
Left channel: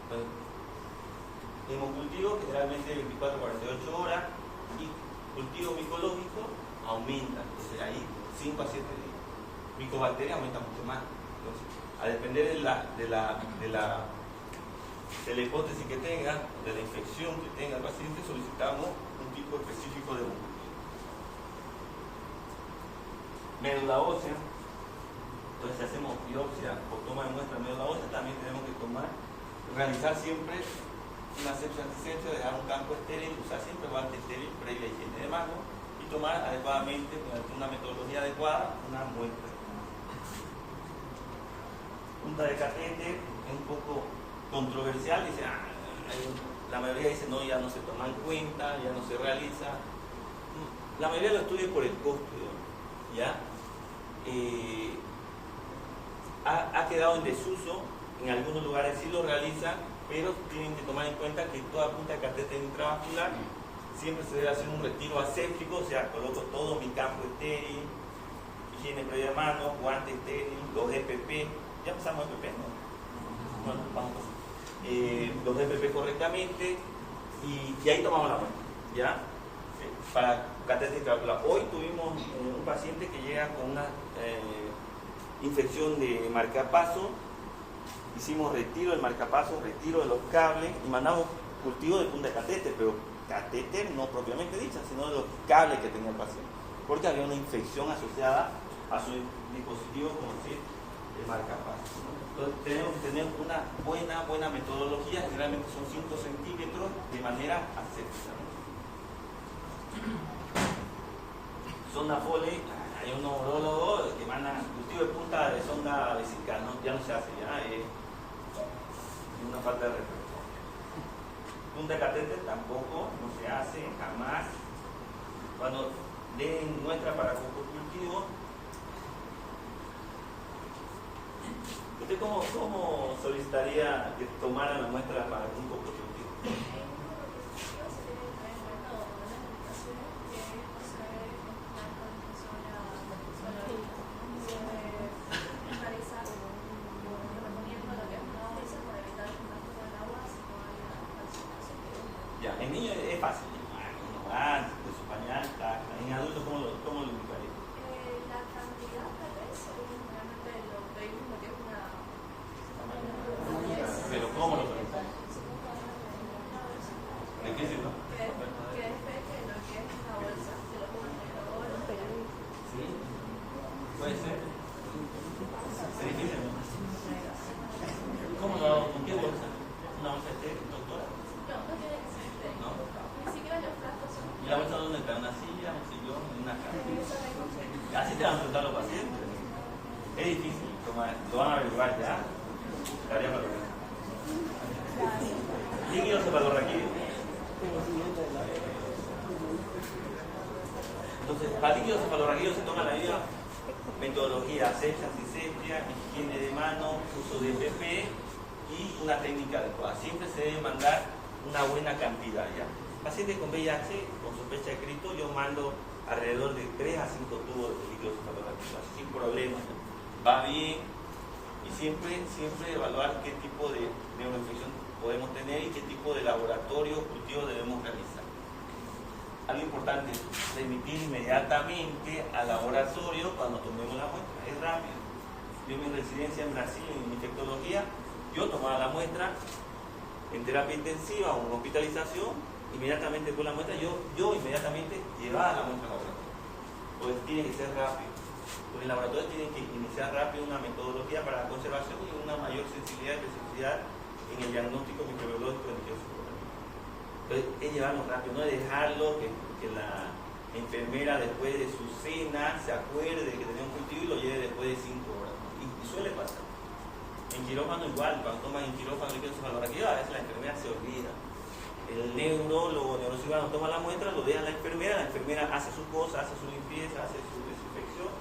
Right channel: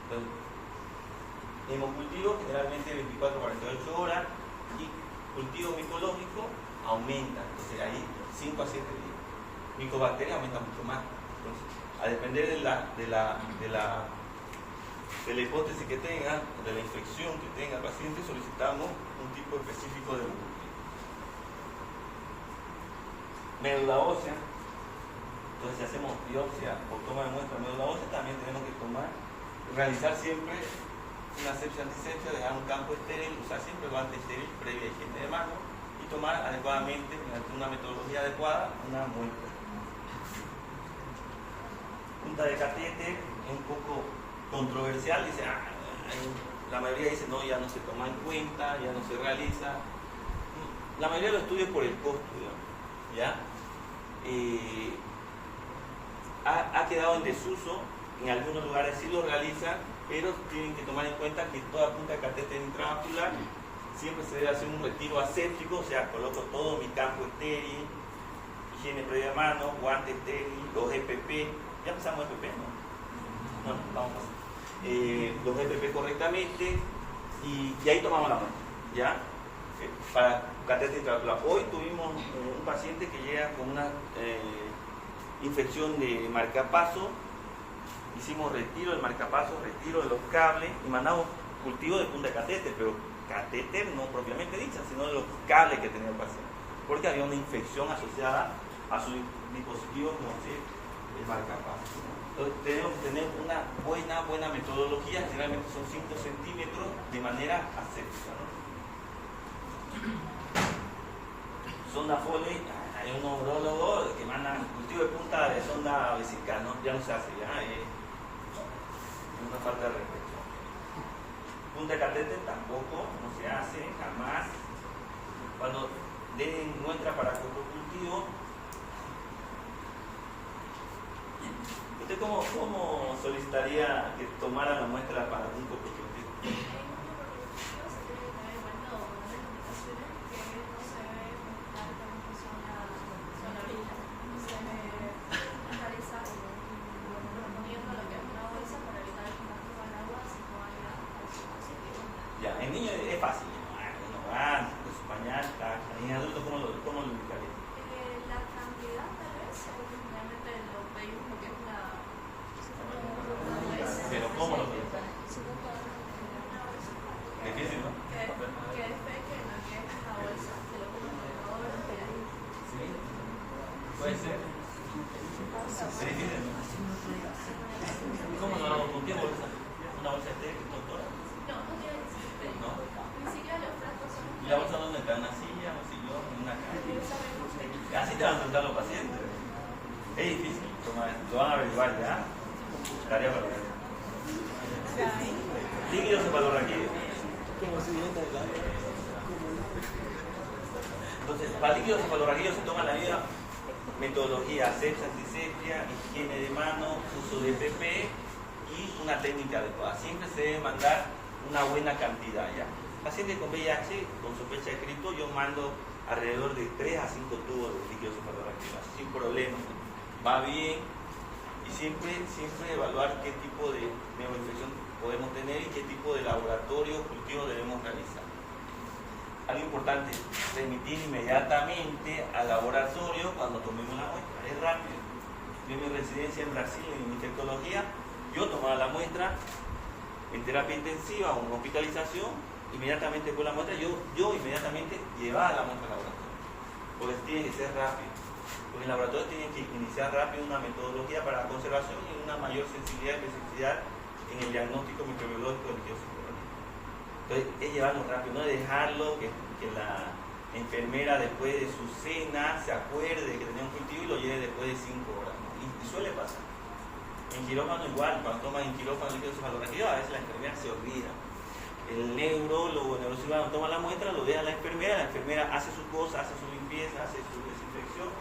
Entonces, hemocultivo generalmente 24 a 48 horas y cultivo micológico aumenta, o sea, ahí 5 a 7 días. Micobacteria aumenta mucho más. Entonces, a depender de la hipótesis que tenga, de la infección que tenga el paciente, solicitamos un tipo específico de hemocultivo. Médula ósea. Entonces, si hacemos biopsia o toma de muestra de médula ósea, también tenemos que realizar siempre una asepsia antisepsia, dejar un campo estéril, usar siempre guante estéril previa higiene de manos y tomar adecuadamente, mediante una metodología adecuada, una muestra. Punta de catéter es un poco controversial, dice, la mayoría dice no, ya no se toma en cuenta, ya no se realiza. La mayoría lo estudia por el costo, ¿ya? Ha quedado en desuso, en algunos lugares sí lo realizan, pero tienen que tomar en cuenta que toda punta de catéter intravascular siempre se debe hacer un retiro aséptico, o sea, coloco todo mi campo estéril, higiene previa de manos, guantes estéril, los EPP, ya empezamos EPP, ¿no? Bueno, vamos a pasar. Los EPP correctamente y ahí tomamos la muestra, ¿ya? Para catéter intravascular. Hoy tuvimos un paciente que llega con una infección de marcapaso. Hicimos retiro del marcapaso, retiro de los cables y mandamos cultivo de punta de catéter, pero catéter no propiamente dicha, sino de los cables que tenía el paciente, porque había una infección asociada a su dispositivo como el marcapaso. Entonces tenemos que tener una buena metodología, generalmente son 5 centímetros de manera aséptica, ¿no? Sonda Foley, hay un neurólogo que manda cultivo de punta de sonda vesical, ¿no? Ya no se hace, ya es una falta de respeto. Punta de catéter tampoco, no se hace, jamás. Cuando den muestra para cultivo, ¿usted cómo solicitaría que tomara la muestra para un cultivo? Ya, en niños es fácil. Con su pañal, en adultos, ¿cómo lo buscaría? La cantidad tal vez, obviamente lo pedimos lo que es una... Pero ¿cómo lo buscaría? Difícil, ¿no? Que es pequeño, que es la bolsa, que lo ponemos en la bolsa. Sí, puede ser. Es difícil, ¿no? ¿Cómo lo hago? ¿Con qué bolsa? ¿Una bolsa estéril, doctora? No tiene que ser pequeño. ¿No? Ni siquiera los platos son... ¿Y la bolsa dónde está? ¿En una silla, un sillón, en una cama? Así te van a sentar los pacientes. Es difícil, lo van a averiguar ya. Tarea para ver. Líquido cefalorraquídeo. Entonces, para líquido cefalorraquídeo se toma la misma metodología, asepsia, antisepsia, higiene de mano, uso de EPP y una técnica adecuada. Siempre se debe mandar una buena cantidad ya. Pacientes con VIH, con sospecha de Cristo, yo mando alrededor de 3 a 5 tubos de líquido cefalorraquídeo, sin problema, ¿no? Va bien, y siempre evaluar qué tipo de neuroinfección podemos tener y qué tipo de laboratorio cultivo debemos realizar. Algo importante, remitir inmediatamente al laboratorio cuando tomemos la muestra, es rápido. Yo en mi residencia en Brasil, en infectología, yo tomaba la muestra en terapia intensiva o en hospitalización, inmediatamente con la muestra, yo inmediatamente llevaba la muestra al laboratorio. Porque tiene que ser rápido. Porque el laboratorio tiene que iniciar rápido una metodología para la conservación y una mayor sensibilidad y especificidad en el diagnóstico microbiológico del tío. Entonces, es llevarlo rápido, no dejarlo que la enfermera después de su cena se acuerde de que tenía un cultivo y lo lleve después de 5 horas, ¿no? Y suele pasar. En quirófano igual, cuando toman en quirófano líquido cefalorraquídeo, a veces la enfermera se olvida. El neurólogo, el neurocirujano toma la muestra, lo deja a la enfermera hace su cosa, hace su limpieza, hace su desinfección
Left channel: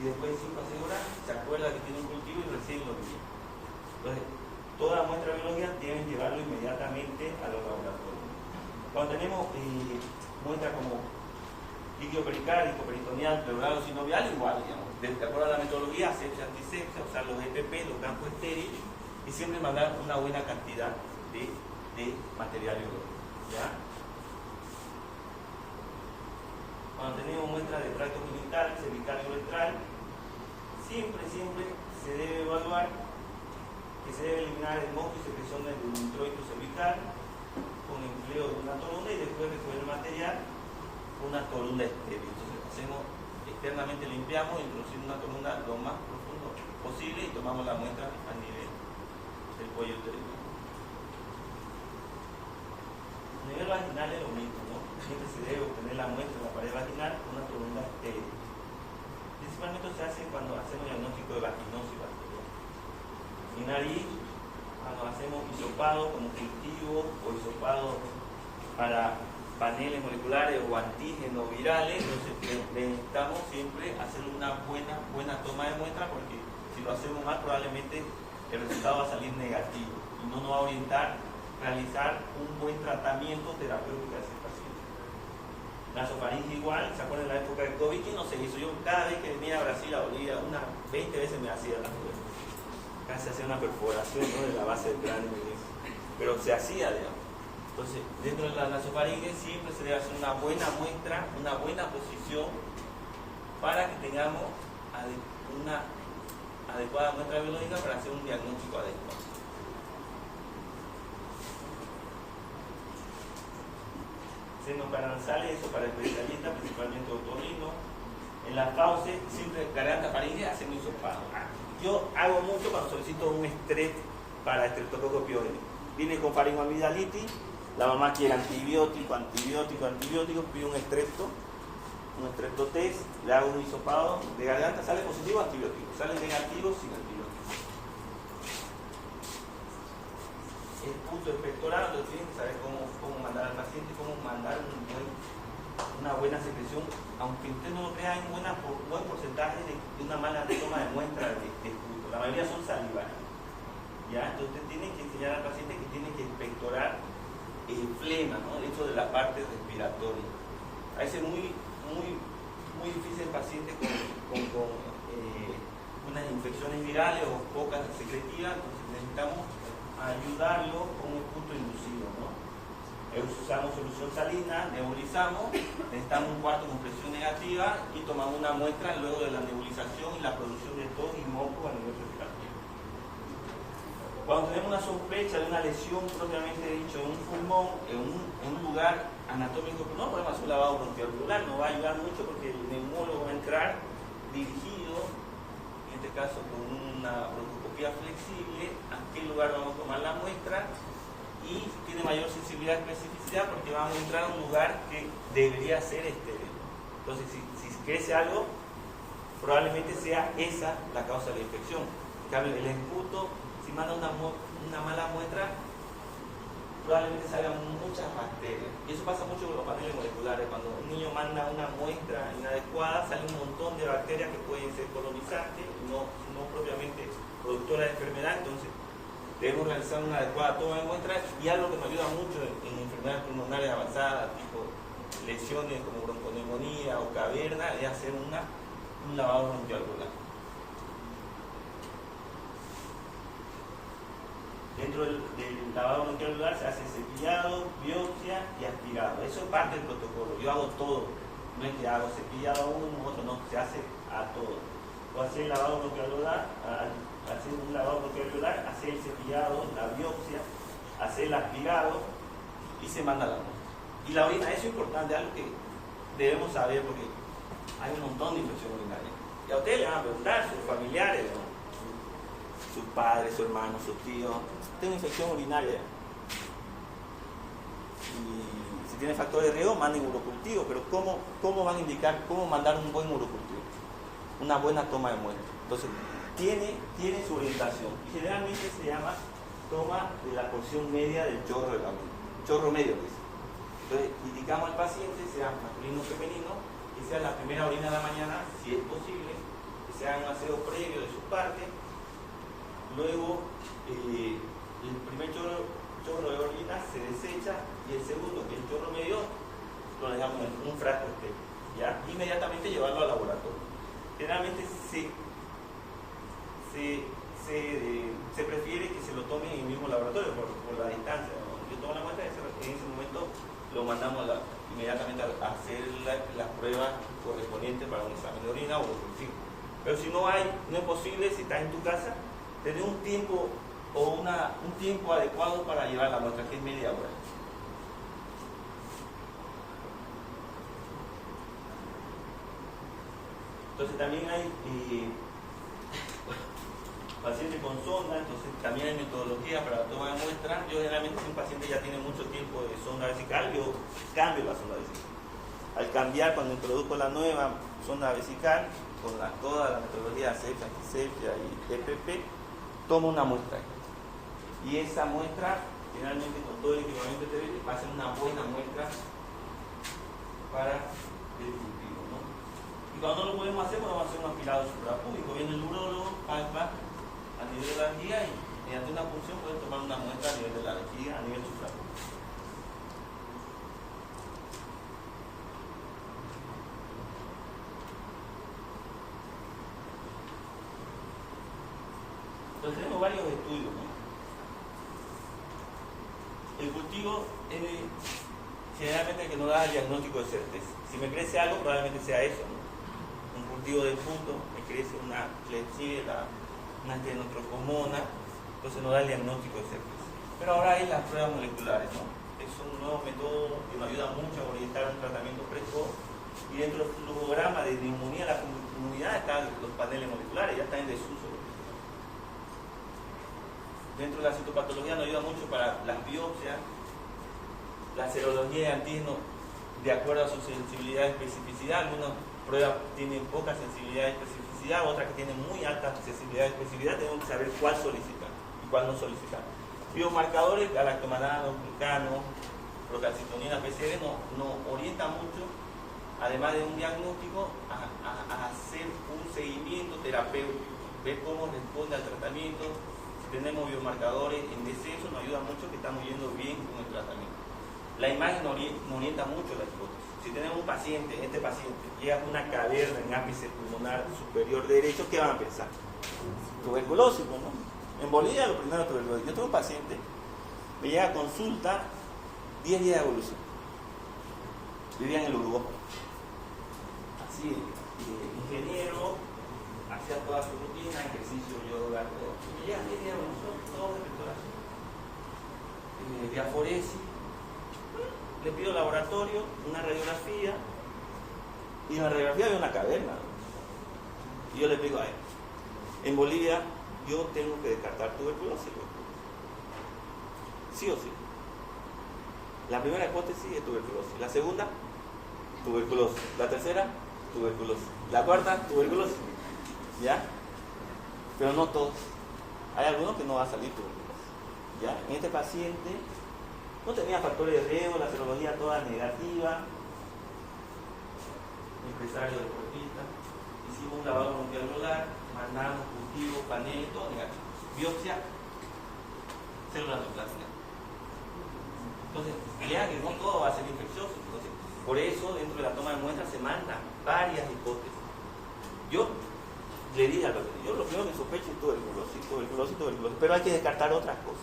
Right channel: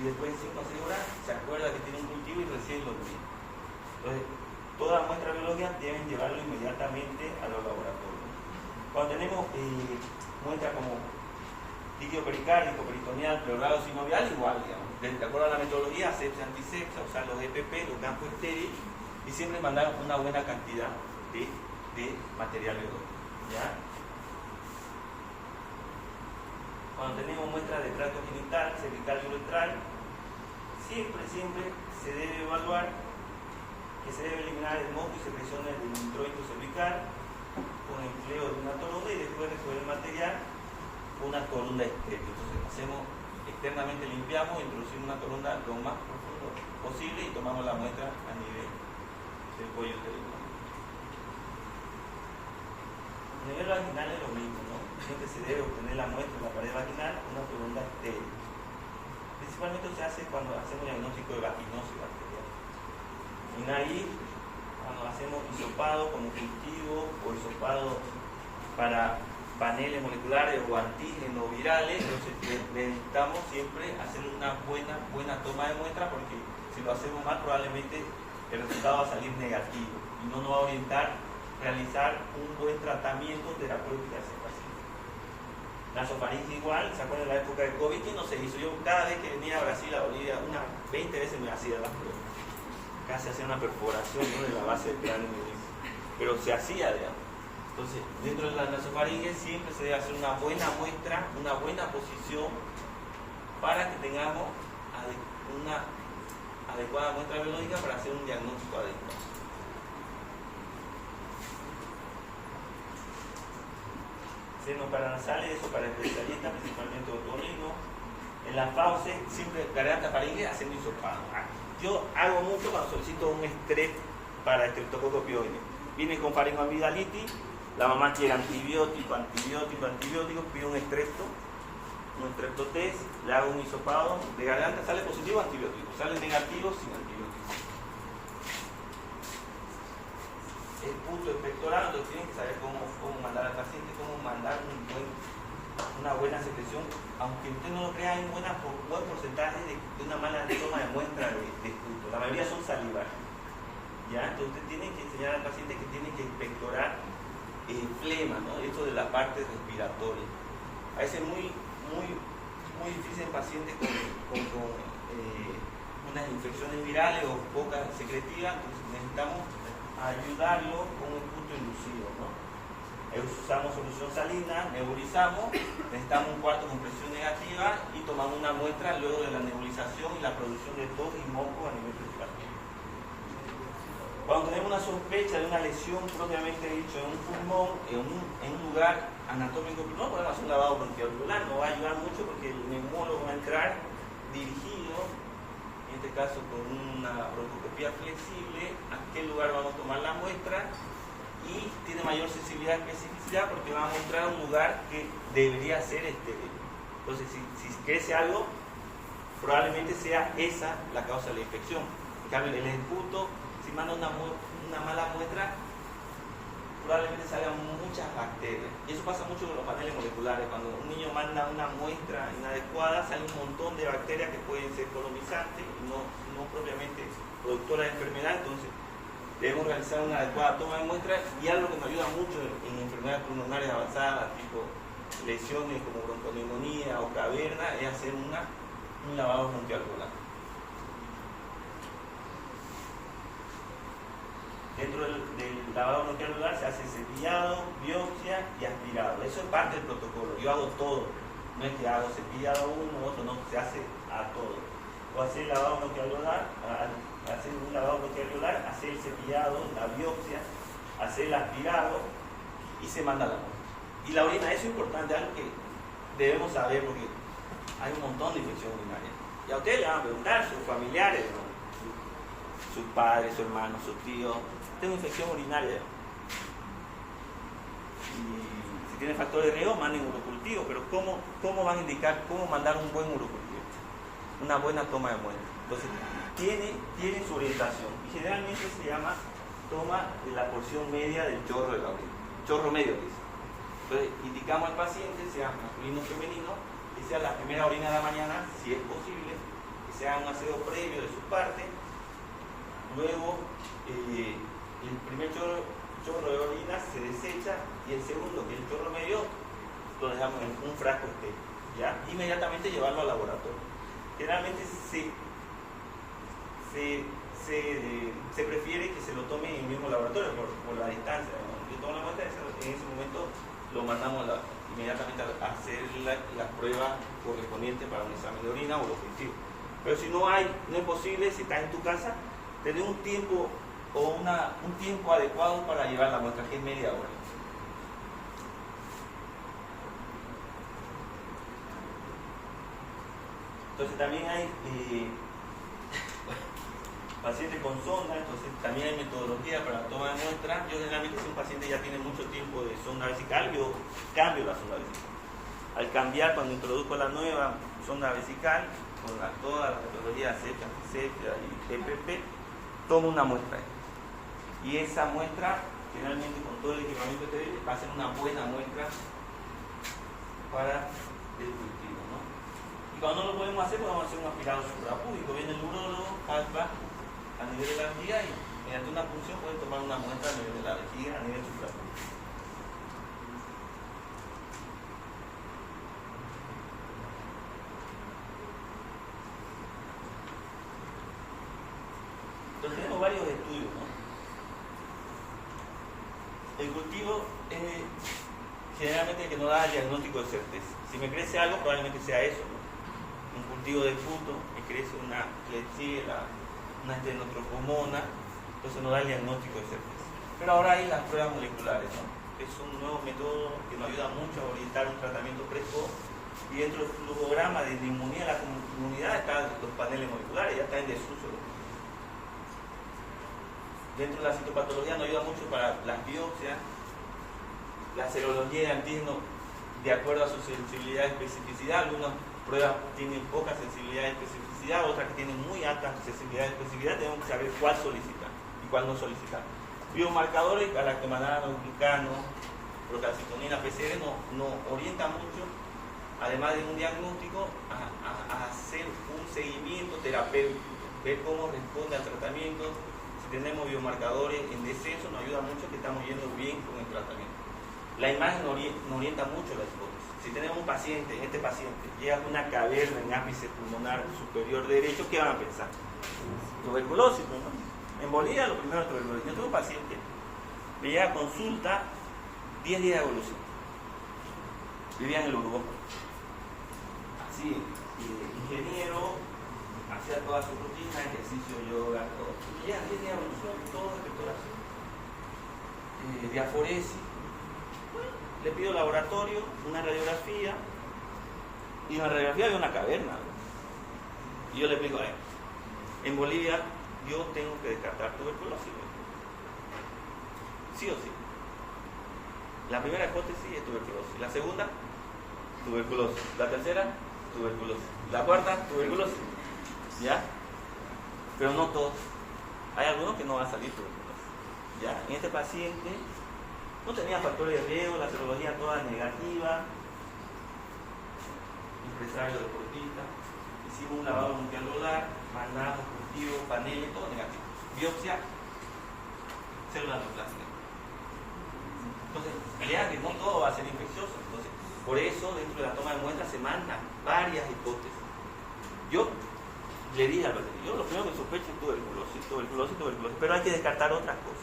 y después de 5 o 6 horas se acuerda que tiene un cultivo y recibe los días. Entonces, toda muestra biológica deben llevarlo inmediatamente a los laboratorios. Cuando tenemos muestras como líquido pericárdico, peritoneal, pleurado, sinovial, igual, digamos. De acuerdo a la metodología, asepsia, antisepsia, usar los EPP, los campos estériles y siempre mandar una buena cantidad de material biológico, ¿ya? Cuando tenemos muestras de tracto genital, cervical y uretral, siempre se debe evaluar que se debe eliminar el moco y secreciones del introito cervical con empleo de una torunda y después recoger el material con una torunda estéril. Entonces hacemos externamente, limpiamos, introducimos una torunda lo más profundo posible y tomamos la muestra a nivel del cuello uterino. A nivel vaginal es lo mismo, ¿no? Siempre se debe obtener la muestra en la pared vaginal con una torunda estéril. Principalmente se hace cuando hacemos diagnóstico de vaginosis bacteriana. En nariz, cuando hacemos hisopado como cultivo o hisopado para paneles moleculares o antígenos virales, entonces necesitamos siempre hacer una buena toma de muestra, porque si lo hacemos mal probablemente el resultado va a salir negativo y no nos va a orientar a realizar un buen tratamiento terapéutico a ese paciente. Nasofaringe igual, ¿se acuerdan de la época del COVID? Y no se hizo. Yo cada vez que venía a Brasil, a Bolivia, unas 20 veces me hacía la prueba. Casi hacía una perforación, ¿no?, de la base del cráneo, pero se hacía, digamos. Entonces, dentro de la nasofaringe siempre se debe hacer una buena muestra, una buena posición para que tengamos una adecuada muestra biológica para hacer un diagnóstico adecuado. Senos paranasales, eso para especialistas, principalmente otorrino. En la fauce, siempre garganta faringe haciendo hisopado. Yo hago mucho cuando solicito un estrés para estreptococcus pyogenes. Viene con faringoamigdalitis, la mamá quiere antibiótico, pide un estreptotest, le hago un hisopado de garganta, sale positivo antibiótico, sale negativo sin antibiótico. El punto expectorado, entonces tienen que saber cómo mandar al paciente, cómo mandar una buena secreción, aunque usted no lo crea, hay un buen porcentaje de una mala toma de muestra de punto. La mayoría son salivales, ¿ya? Entonces usted tiene que enseñar al paciente que tiene que expectorar el flema, ¿no?, esto de la parte respiratoria. A veces es muy difícil en pacientes con unas infecciones virales o pocas secretivas, entonces necesitamos ayudarlo con un punto inducido, ¿no? Usamos solución salina, nebulizamos, necesitamos un cuarto con presión negativa y tomamos una muestra luego de la nebulización y la producción de tos y moco a nivel respiratorio. Cuando tenemos una sospecha de una lesión propiamente dicho en un pulmón, en un lugar anatómico del pulmón, podemos hacer un lavado bronquialveolar. Nos va a ayudar mucho porque el neumólogo va a entrar dirigido, en este caso con una bronquioscopía flexible, a qué lugar vamos a tomar la muestra, y tiene mayor sensibilidad y especificidad porque vamos a entrar a un lugar que debería ser estéril. Entonces, si crece algo, probablemente sea esa la causa de la infección. En cambio, el esputo, si manda una mala muestra, probablemente salgan muchas bacterias. Y eso pasa mucho con los paneles moleculares. Cuando un niño manda una muestra inadecuada, sale un montón de bacterias que pueden ser colonizantes, no propiamente productoras de enfermedad. Entonces, debemos realizar una adecuada toma de muestras, y algo que nos ayuda mucho en enfermedades pulmonares avanzadas, tipo lesiones como bronconeumonía o caverna, es hacer un lavado bronquialveolar. Dentro del lavado bronquialveolar se hace cepillado, biopsia y aspirado. Eso es parte del protocolo. Yo hago todo. No es que hago cepillado a uno, otro no, se hace a todo. O hacer el lavado bronquialveolar, hacer un lavado bronquialveolar, hacer el cepillado, la biopsia, hacer el aspirado y se manda la muestra. Y la orina, eso es importante, algo que debemos saber porque hay un montón de infecciones urinarias. Y a ustedes le van a preguntar, sus familiares, ¿no?, sus padres, sus hermanos, sus tíos, tengo infección urinaria. Y si tiene factor de riesgo, manden urocultivo, pero ¿cómo van a indicar cómo mandar un buen urocultivo? Una buena toma de muestra. Entonces, tiene su orientación. Y generalmente se llama toma de la porción media del chorro de la orina. Chorro medio, que es. Entonces, indicamos al paciente, sea masculino o femenino, que sea la primera orina de la mañana, si es posible, que se haga un aseo previo de su parte. Luego, el primer chorro de orina se desecha, y el segundo, que es el chorro medio, lo dejamos en un frasco estéril, ¿ya? Inmediatamente llevarlo al laboratorio. Generalmente se se prefiere que se lo tome en el mismo laboratorio por la distancia, ¿no? Yo tomo la muestra y en ese momento lo mandamos inmediatamente a hacer las pruebas correspondientes para un examen de orina o de cultivo. Pero si no es posible, si estás en tu casa, tener un tiempo o un tiempo adecuado para llevar la muestra, que es media hora. Entonces también hay pacientes con sonda, entonces también hay metodología para la toma de muestra. Yo generalmente si un paciente ya tiene mucho tiempo de sonda vesical, yo cambio la sonda vesical. Al cambiar, cuando introduzco la nueva sonda vesical, con toda la metodología asepsia, antisepsia y EPP, tomo una muestra. Y esa muestra, generalmente con todo el equipamiento TBL, va a ser una buena muestra para el cultivo, ¿no? Y cuando no lo podemos hacer, podemos hacer un aspirado suprapúbico. Viene el urólogo, alfa, a nivel de la vejiga y mediante una punción pueden tomar una muestra a nivel de la vejiga, a nivel suprapúbico. Entonces tenemos varios estudios, ¿no? El cultivo generalmente que no da el diagnóstico de certeza. Si me crece algo, probablemente sea eso, ¿no? Un cultivo de fruto, me crece una klebsiella, una estenotropomona, entonces no da el diagnóstico de certeza. Pero ahora hay las pruebas moleculares, ¿no? Es un nuevo método que nos ayuda mucho a orientar un tratamiento precoz. Y dentro del flujograma de inmunidad de la comunidad están los paneles moleculares, ya están en desuso. Dentro de la citopatología nos ayuda mucho para las biopsias, la serología de antígeno de acuerdo a su sensibilidad y especificidad. Algunas pruebas tienen poca sensibilidad y especificidad, otras que tienen muy alta sensibilidad y especificidad. Tenemos que saber cuál solicitar y cuál no solicitar. Biomarcadores, galactomanano, glucano, procalcitonina, PCR nos orienta mucho, además de un diagnóstico, a hacer un seguimiento terapéutico, ver cómo responde al tratamiento. Si tenemos biomarcadores en descenso, nos ayuda mucho que estamos yendo bien con el tratamiento. La imagen nos orienta mucho la hipótesis. Si tenemos un paciente, este paciente llega con una caverna en ápice pulmonar superior derecho, ¿qué van a pensar? Tuberculosis, ¿no? En Bolivia lo primero es tuberculosis. Yo tengo un paciente, me llega a consulta 10 días de evolución. Vivía en el Uruguay. Así, ingeniero, hacía toda su rutina, ejercicio, yoga, todo. Y ya 10 días de evolución, todo de expectoración. Diaforesis. Le pido laboratorio, una radiografía, y en la radiografía había una caverna. Y yo le explico a él, en Bolivia yo tengo que descartar tuberculosis. Sí o sí. La primera hipótesis es tuberculosis. La segunda, tuberculosis. La tercera, tuberculosis. La cuarta, tuberculosis. ¿Ya? Pero no todos. Hay algunos que no va a salir tuberculosis. ¿Ya? En este paciente no tenía factores de riesgo, la serología toda negativa, empresario deportista, hicimos un lavado multialveolar, mandamos cultivo, panel, todo negativo. Biopsia, célula neoplástica. Entonces, vean que no todo va a ser infeccioso. Entonces, por eso, dentro de la toma de muestras se mandan varias hipótesis. Yo le dije al paciente, yo lo primero que sospecho es tuberculosis, pero hay que descartar otras cosas.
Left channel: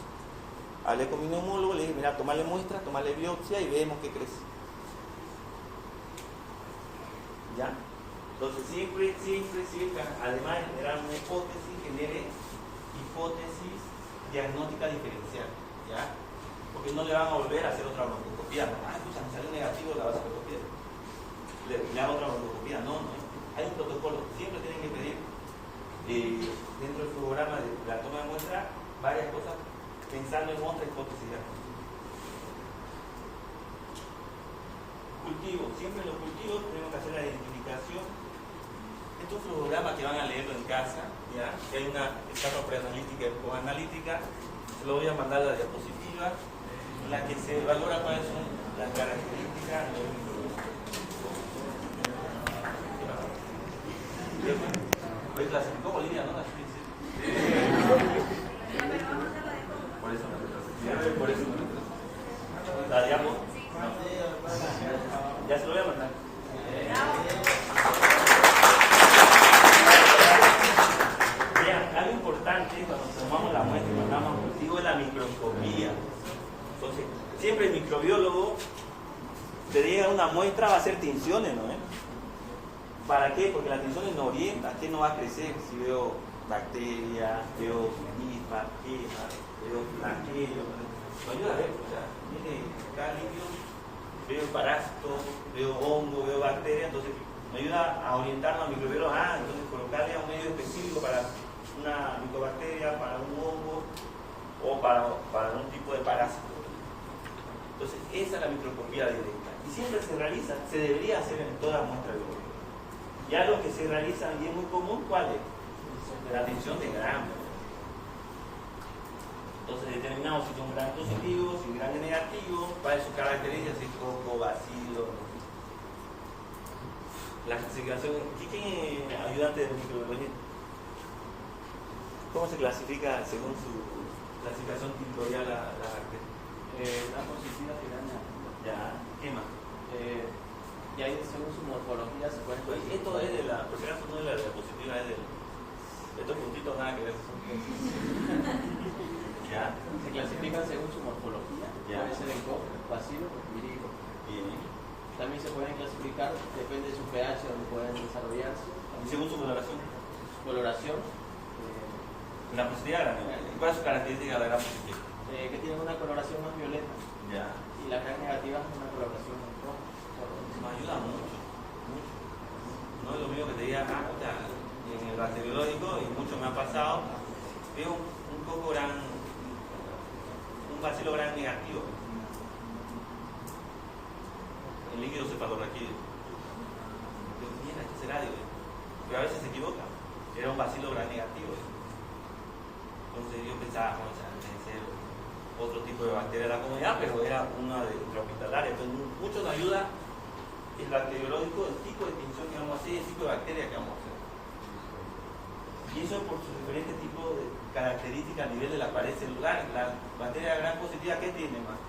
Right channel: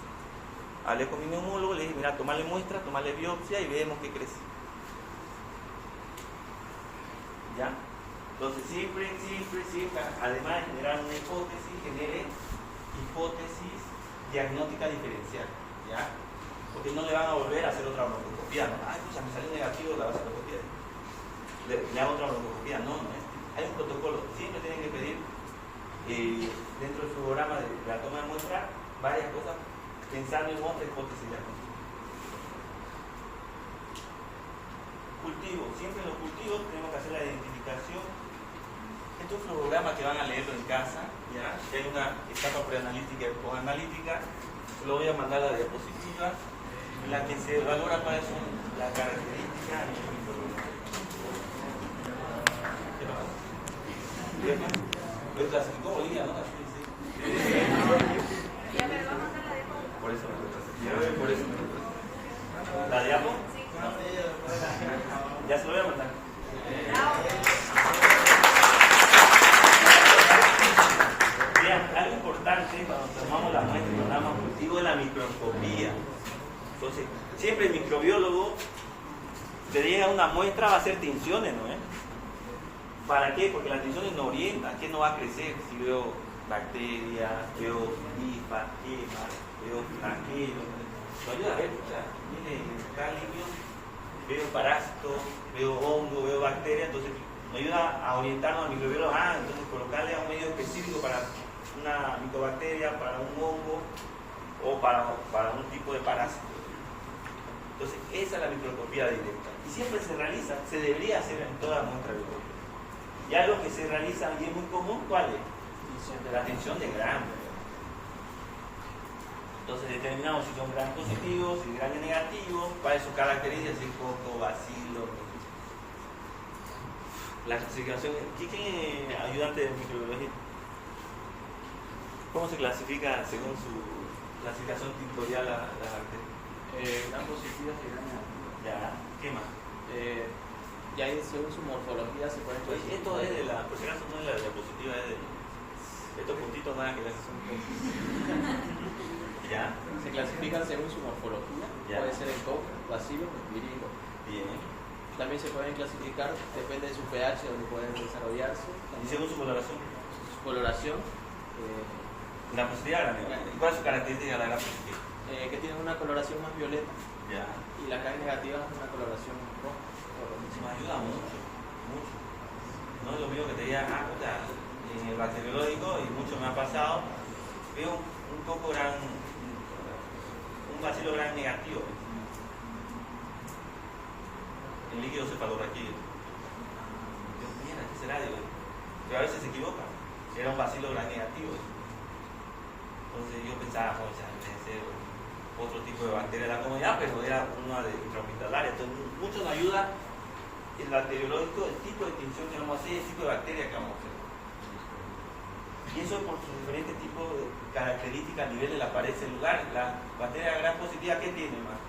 Hablé con mi neumólogo, le dije, mira, tomarle muestra, tomarle biopsia y vemos qué crece. ¿Ya? Entonces siempre, además de generar una hipótesis, genere hipótesis diagnóstica diferencial. ¿Ya? Porque no le van a volver a hacer otra broncoscopía. Ay, pues me salió negativo la broncoscopía. Le hago otra broncoscopía. No. Hay un protocolo. Siempre tienen que pedir dentro del programa de la toma de muestra varias cosas, pensando en otra hipótesis diagnóstica. Cultivo. Siempre en los cultivos tenemos que hacer la identificación. Estos flogogramas que van a leerlo en casa, ¿ya? Que hay una etapa preanalítica y postanalítica. Se lo voy a mandar a la diapositiva, en la que se valora cuáles son las características. Lo clasificó Bolivia, ¿no? Así. Por eso me gusta. ¿La diapo? Ya se lo voy a mandar. Bien, algo importante cuando microbiólogo te llega una muestra, va a hacer tinciones, ¿no? ¿Para qué? Porque las tinciones nos orientan, ¿qué no va a crecer? Si veo bacterias, veo hifas, gemas, veo flagelos, nos ayuda a ver, o sea, viene acá limpio, veo parásitos, veo hongo, veo bacterias, entonces nos ayuda a orientarnos al microbiólogo, entonces colocarle a un medio específico para una micobacteria, para un hongo o para un tipo de parásito. Entonces, esa es la microscopía directa. Y siempre se realiza, se debería hacer en todas las muestras biológicas. Ya lo que se realiza y es muy común, ¿cuál es? La tinción de Gram. Entonces determinamos si son Gram positivos, si Gram negativos, para sus características, si coco, bacilo. La clasificación, ¿quién es ayudante de microbiología? ¿Cómo se clasifica según su clasificación tiporial la bacteria? Gram positivas y gram negativas. Ya, ¿qué más? Y ahí según su morfología se puede Pues esto es de la, por si acaso no es la diapositiva, es de estos puntitos nada que ver. ¿Ya? Se clasifican según su morfología. Ya. Puede ser en coco, bacilo o virílico. Bien. También se pueden clasificar, depende de su pH, donde pueden desarrollarse. ¿Y según su coloración? Su coloración, La positiva gran negativa. ¿Cuál es su característica de la gran positiva? que tienen una coloración más violeta. Ya. Y la gram negativa es una coloración roja. Eso me ayuda mucho, mucho. No es lo mismo que te digan, puta, en el bacteriológico, y mucho me ha pasado, veo un coco gran, un bacilo gran negativo. El líquido cefalorraquídeo. Mira, ¿qué será? Pero a veces se equivoca. Era un bacilo gran negativo. Entonces yo pensaba, debe ser otro tipo de bacteria de la comunidad, pero era una de intrahospitalaria. Entonces mucho nos ayuda el bacteriológico, el tipo de tinción que vamos a hacer, el tipo de bacteria que vamos a hacer. Y eso por sus diferentes tipos de características a nivel de la pared celular. La bacteria gran positiva, ¿qué tiene más?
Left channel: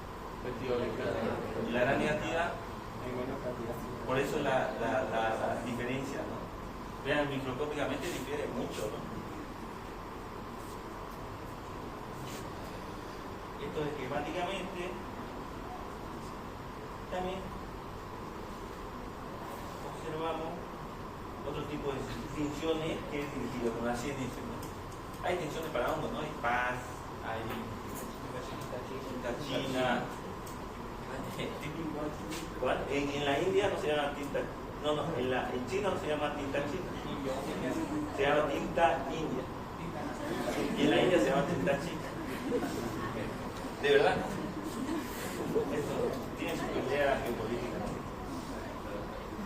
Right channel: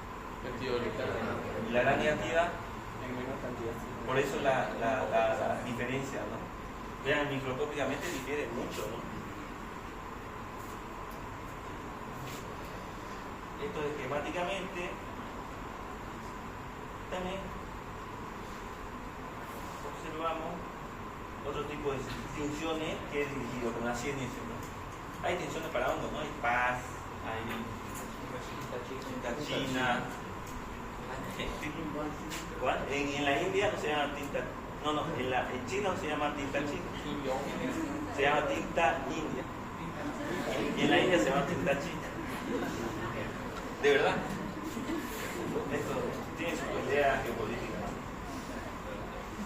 Y la gran negativa, por eso la diferencia, ¿no? Vean, microscópicamente difiere mucho, ¿no? Esto esquemáticamente también observamos otro tipo de tinciones que es dirigido con la CNS, ¿no? Hay tinciones para hongos, ¿no? Hay PAS, hay tinta china. ¿Cuál? En la India no se llama tinta, en China no se llama tinta china, se llama tinta india. Y en la India se llama tinta china. ¿De verdad? Esto tiene su pelea geopolítica.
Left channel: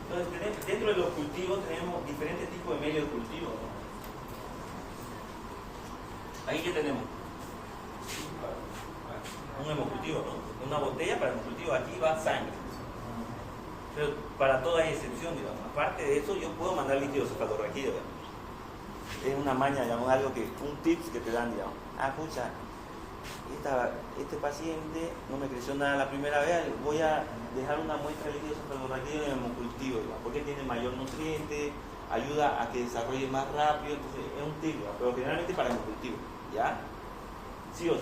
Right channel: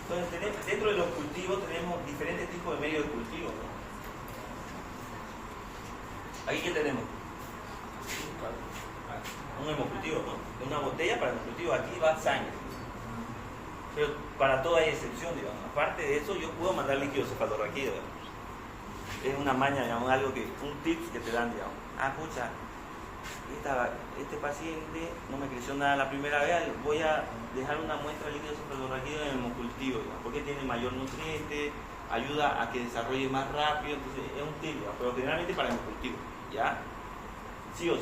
Entonces, dentro de los cultivos tenemos diferentes tipos de medios de cultivo, ¿no? Aquí, ¿qué tenemos? Un hemocultivo, ¿no? Una botella para el hemocultivo. Aquí va sangre. Pero para todo hay excepción, digamos. Aparte de eso, yo puedo mandar líquido cefalorraquídeo. Es una maña, digamos, algo que, un tips que te dan, digamos. Pucha, este paciente no me creció nada la primera vez, voy a dejar una muestra de líquido cefalorraquídeo en el hemocultivo, digamos, porque tiene mayor nutriente, ayuda a que desarrolle más rápido, entonces es un tip, digamos, pero generalmente para el hemocultivo, ¿ya? Sí o sí.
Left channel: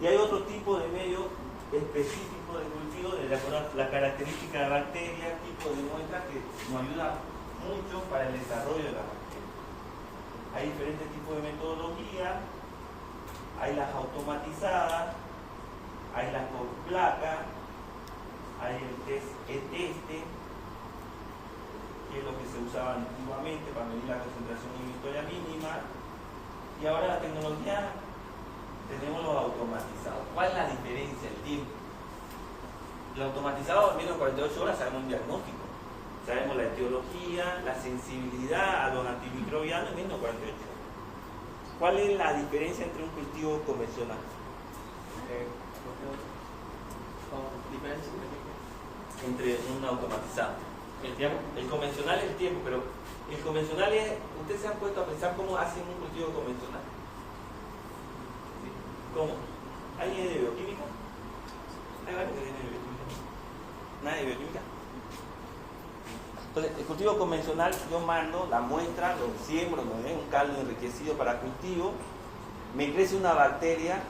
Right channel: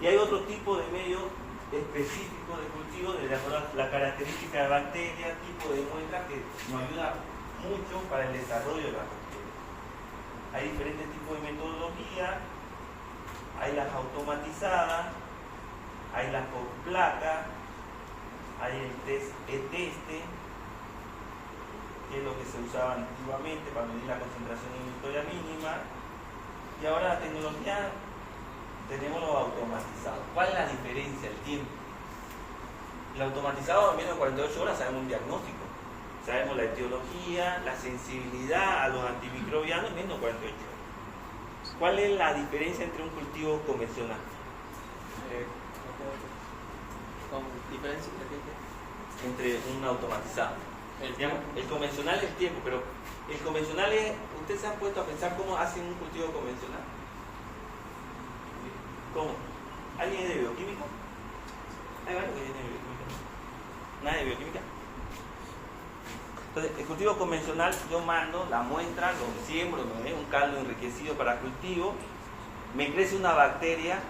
Y hay otro tipo de medio específico de cultivo, de acuerdo a la característica de bacteria, tipo de muestra que nos ayuda mucho para el desarrollo de la bacteria. Hay diferentes tipos de metodología, hay las automatizadas, hay las por placa, hay el test E-teste, que es lo que se usaba antiguamente para medir la concentración de victoria mínima, y ahora la tecnología tenemos los automatizados. ¿Cuál es la diferencia? El tiempo. El automatizado en menos de 48 horas sabemos un diagnóstico, sabemos la etiología, la sensibilidad a los antimicrobianos en menos de 48 horas. ¿Cuál es la diferencia entre un cultivo convencional? ¿Con diferencia? Entre un automatizado. El convencional es el tiempo, pero el convencional es, ¿ustedes se han puesto a pensar cómo hacen un cultivo convencional? ¿Cómo? ¿Alguien es de bioquímica? ¿Hay varios que tienen bioquímica? ¿Nadie de bioquímica? Entonces, el cultivo convencional, yo mando la muestra, lo siembro, un caldo enriquecido para cultivo, me crece una bacteria,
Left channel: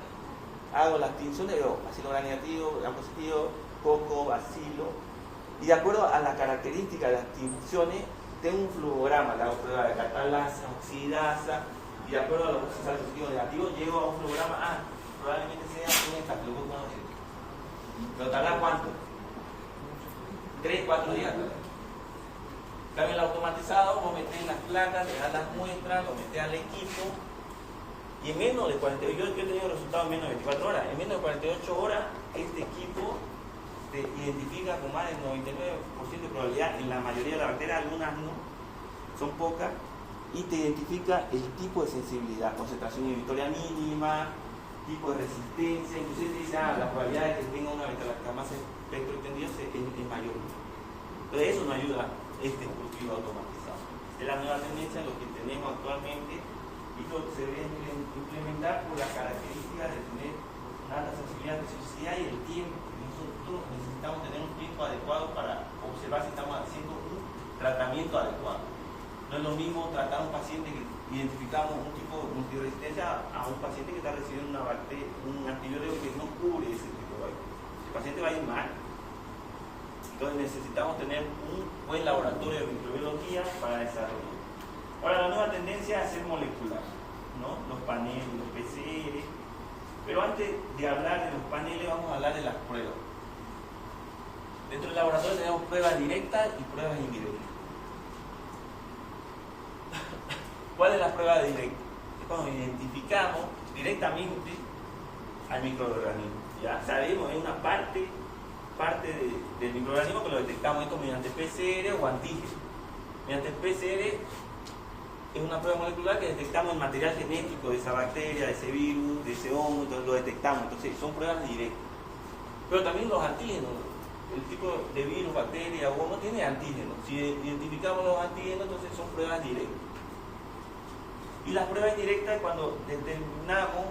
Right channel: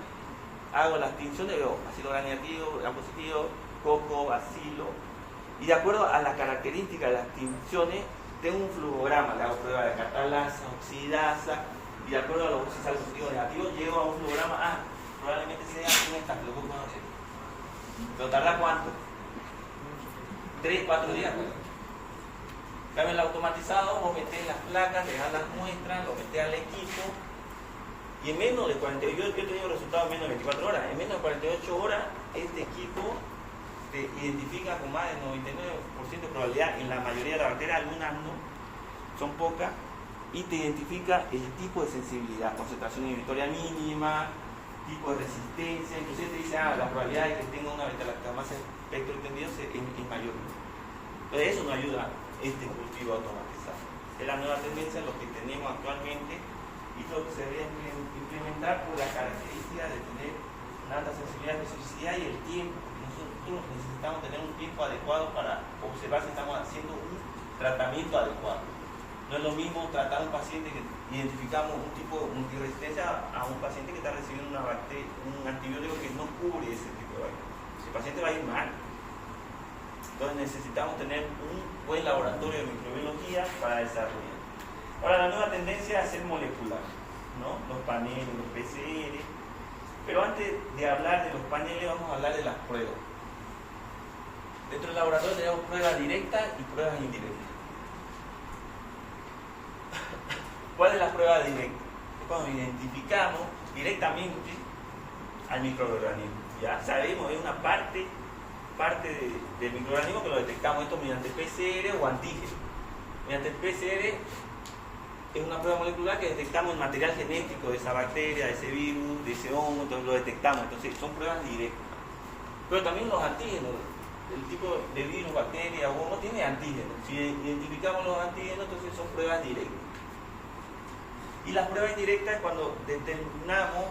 hago las tinciones, veo bacilo gram negativo, gram positivo, coco, bacilo, y de acuerdo a las características de las tinciones, tengo un flujograma, le hago prueba de catalasa, oxidasa, y de acuerdo a los oxidasa positivos negativos, llego a un flujograma, probablemente sea un estafilococo no sé. ¿Pero tarda cuánto? 3, 4 días. En el automatizado, vos metés las placas, le das las muestras, lo metés al equipo, y en menos de 48, yo he tenido resultados en menos de 24 horas, en menos de 48 horas, este equipo te identifica con más del 99% de probabilidad, en la mayoría de las bacterias, algunas no, son pocas, y te identifica el tipo de sensibilidad, concentración inhibitoria mínima, tipo de resistencia, inclusive te dice, la probabilidad de que tenga una beta-lactamasa espectro extendido es mayor. Entonces eso nos ayuda este cultivo automatizado. Es la nueva tendencia, lo que tenemos actualmente, y lo que se debe implementar por la característica de tener una alta sensibilidad, especificidad y el tiempo. Nosotros necesitamos tener un tiempo adecuado para observar si estamos haciendo un tratamiento adecuado. No es lo mismo tratar a un paciente que identificamos un tipo de multiresistencia a un paciente que está recibiendo una bacteria, un antibiótico que no cubre ese tipo de bacterias. El paciente va a ir mal. Entonces necesitamos tener un buen laboratorio de microbiología para desarrollar. Ahora la nueva tendencia es hacer molecular, ¿no? Los paneles, los PCR. Pero antes de hablar de los paneles vamos a hablar de las pruebas. Dentro del laboratorio tenemos pruebas directas y pruebas indirectas. ¿Cuál es la prueba directa? Cuando identificamos directamente al microorganismo. Ya sabemos, es una parte del microorganismo que lo detectamos esto mediante PCR o antígeno. Mediante el PCR es una prueba molecular que detectamos el material genético de esa bacteria, de ese virus, de ese hongo, entonces lo detectamos. Entonces son pruebas directas. Pero también los antígenos, el tipo de virus, bacteria o hongo tiene antígenos. Si identificamos los antígenos, entonces son pruebas directas. Y las pruebas indirectas es cuando determinamos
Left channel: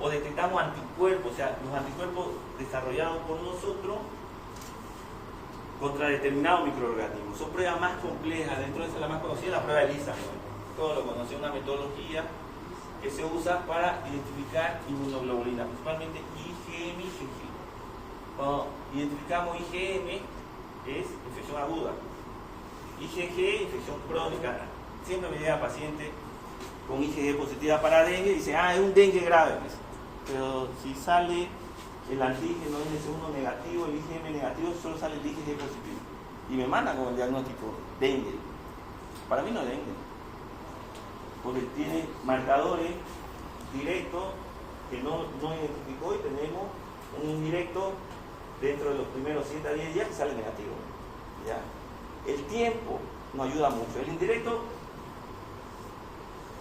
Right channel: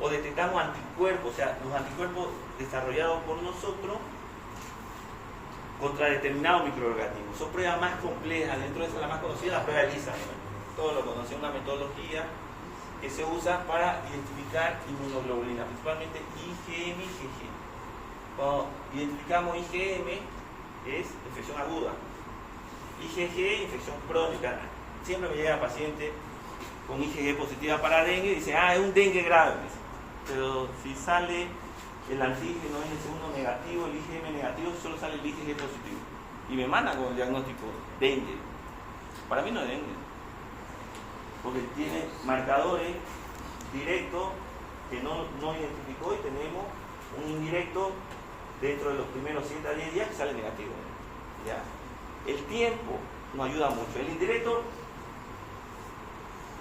o detectamos anticuerpos, o sea, los anticuerpos desarrollados por nosotros contra determinados microorganismos. Son pruebas más complejas, dentro de esa la más conocida, la prueba de ELISA, ¿no? Todos lo conocen, una metodología que se usa para identificar inmunoglobulina, principalmente IgM y IgG. Cuando identificamos IgM es infección aguda, IgG infección crónica. Siempre me llegan pacientes con IgG positiva para dengue y dicen, es un dengue grave. Pero si sale el antígeno NS1 negativo, el IgM negativo, solo sale el IgG positivo. Y me mandan con el diagnóstico dengue. Para mí no es dengue, porque tiene marcadores directos que no identificó y tenemos un indirecto dentro de los primeros 7 a 10 días que sale negativo. ¿Ya? El tiempo nos ayuda mucho. El indirecto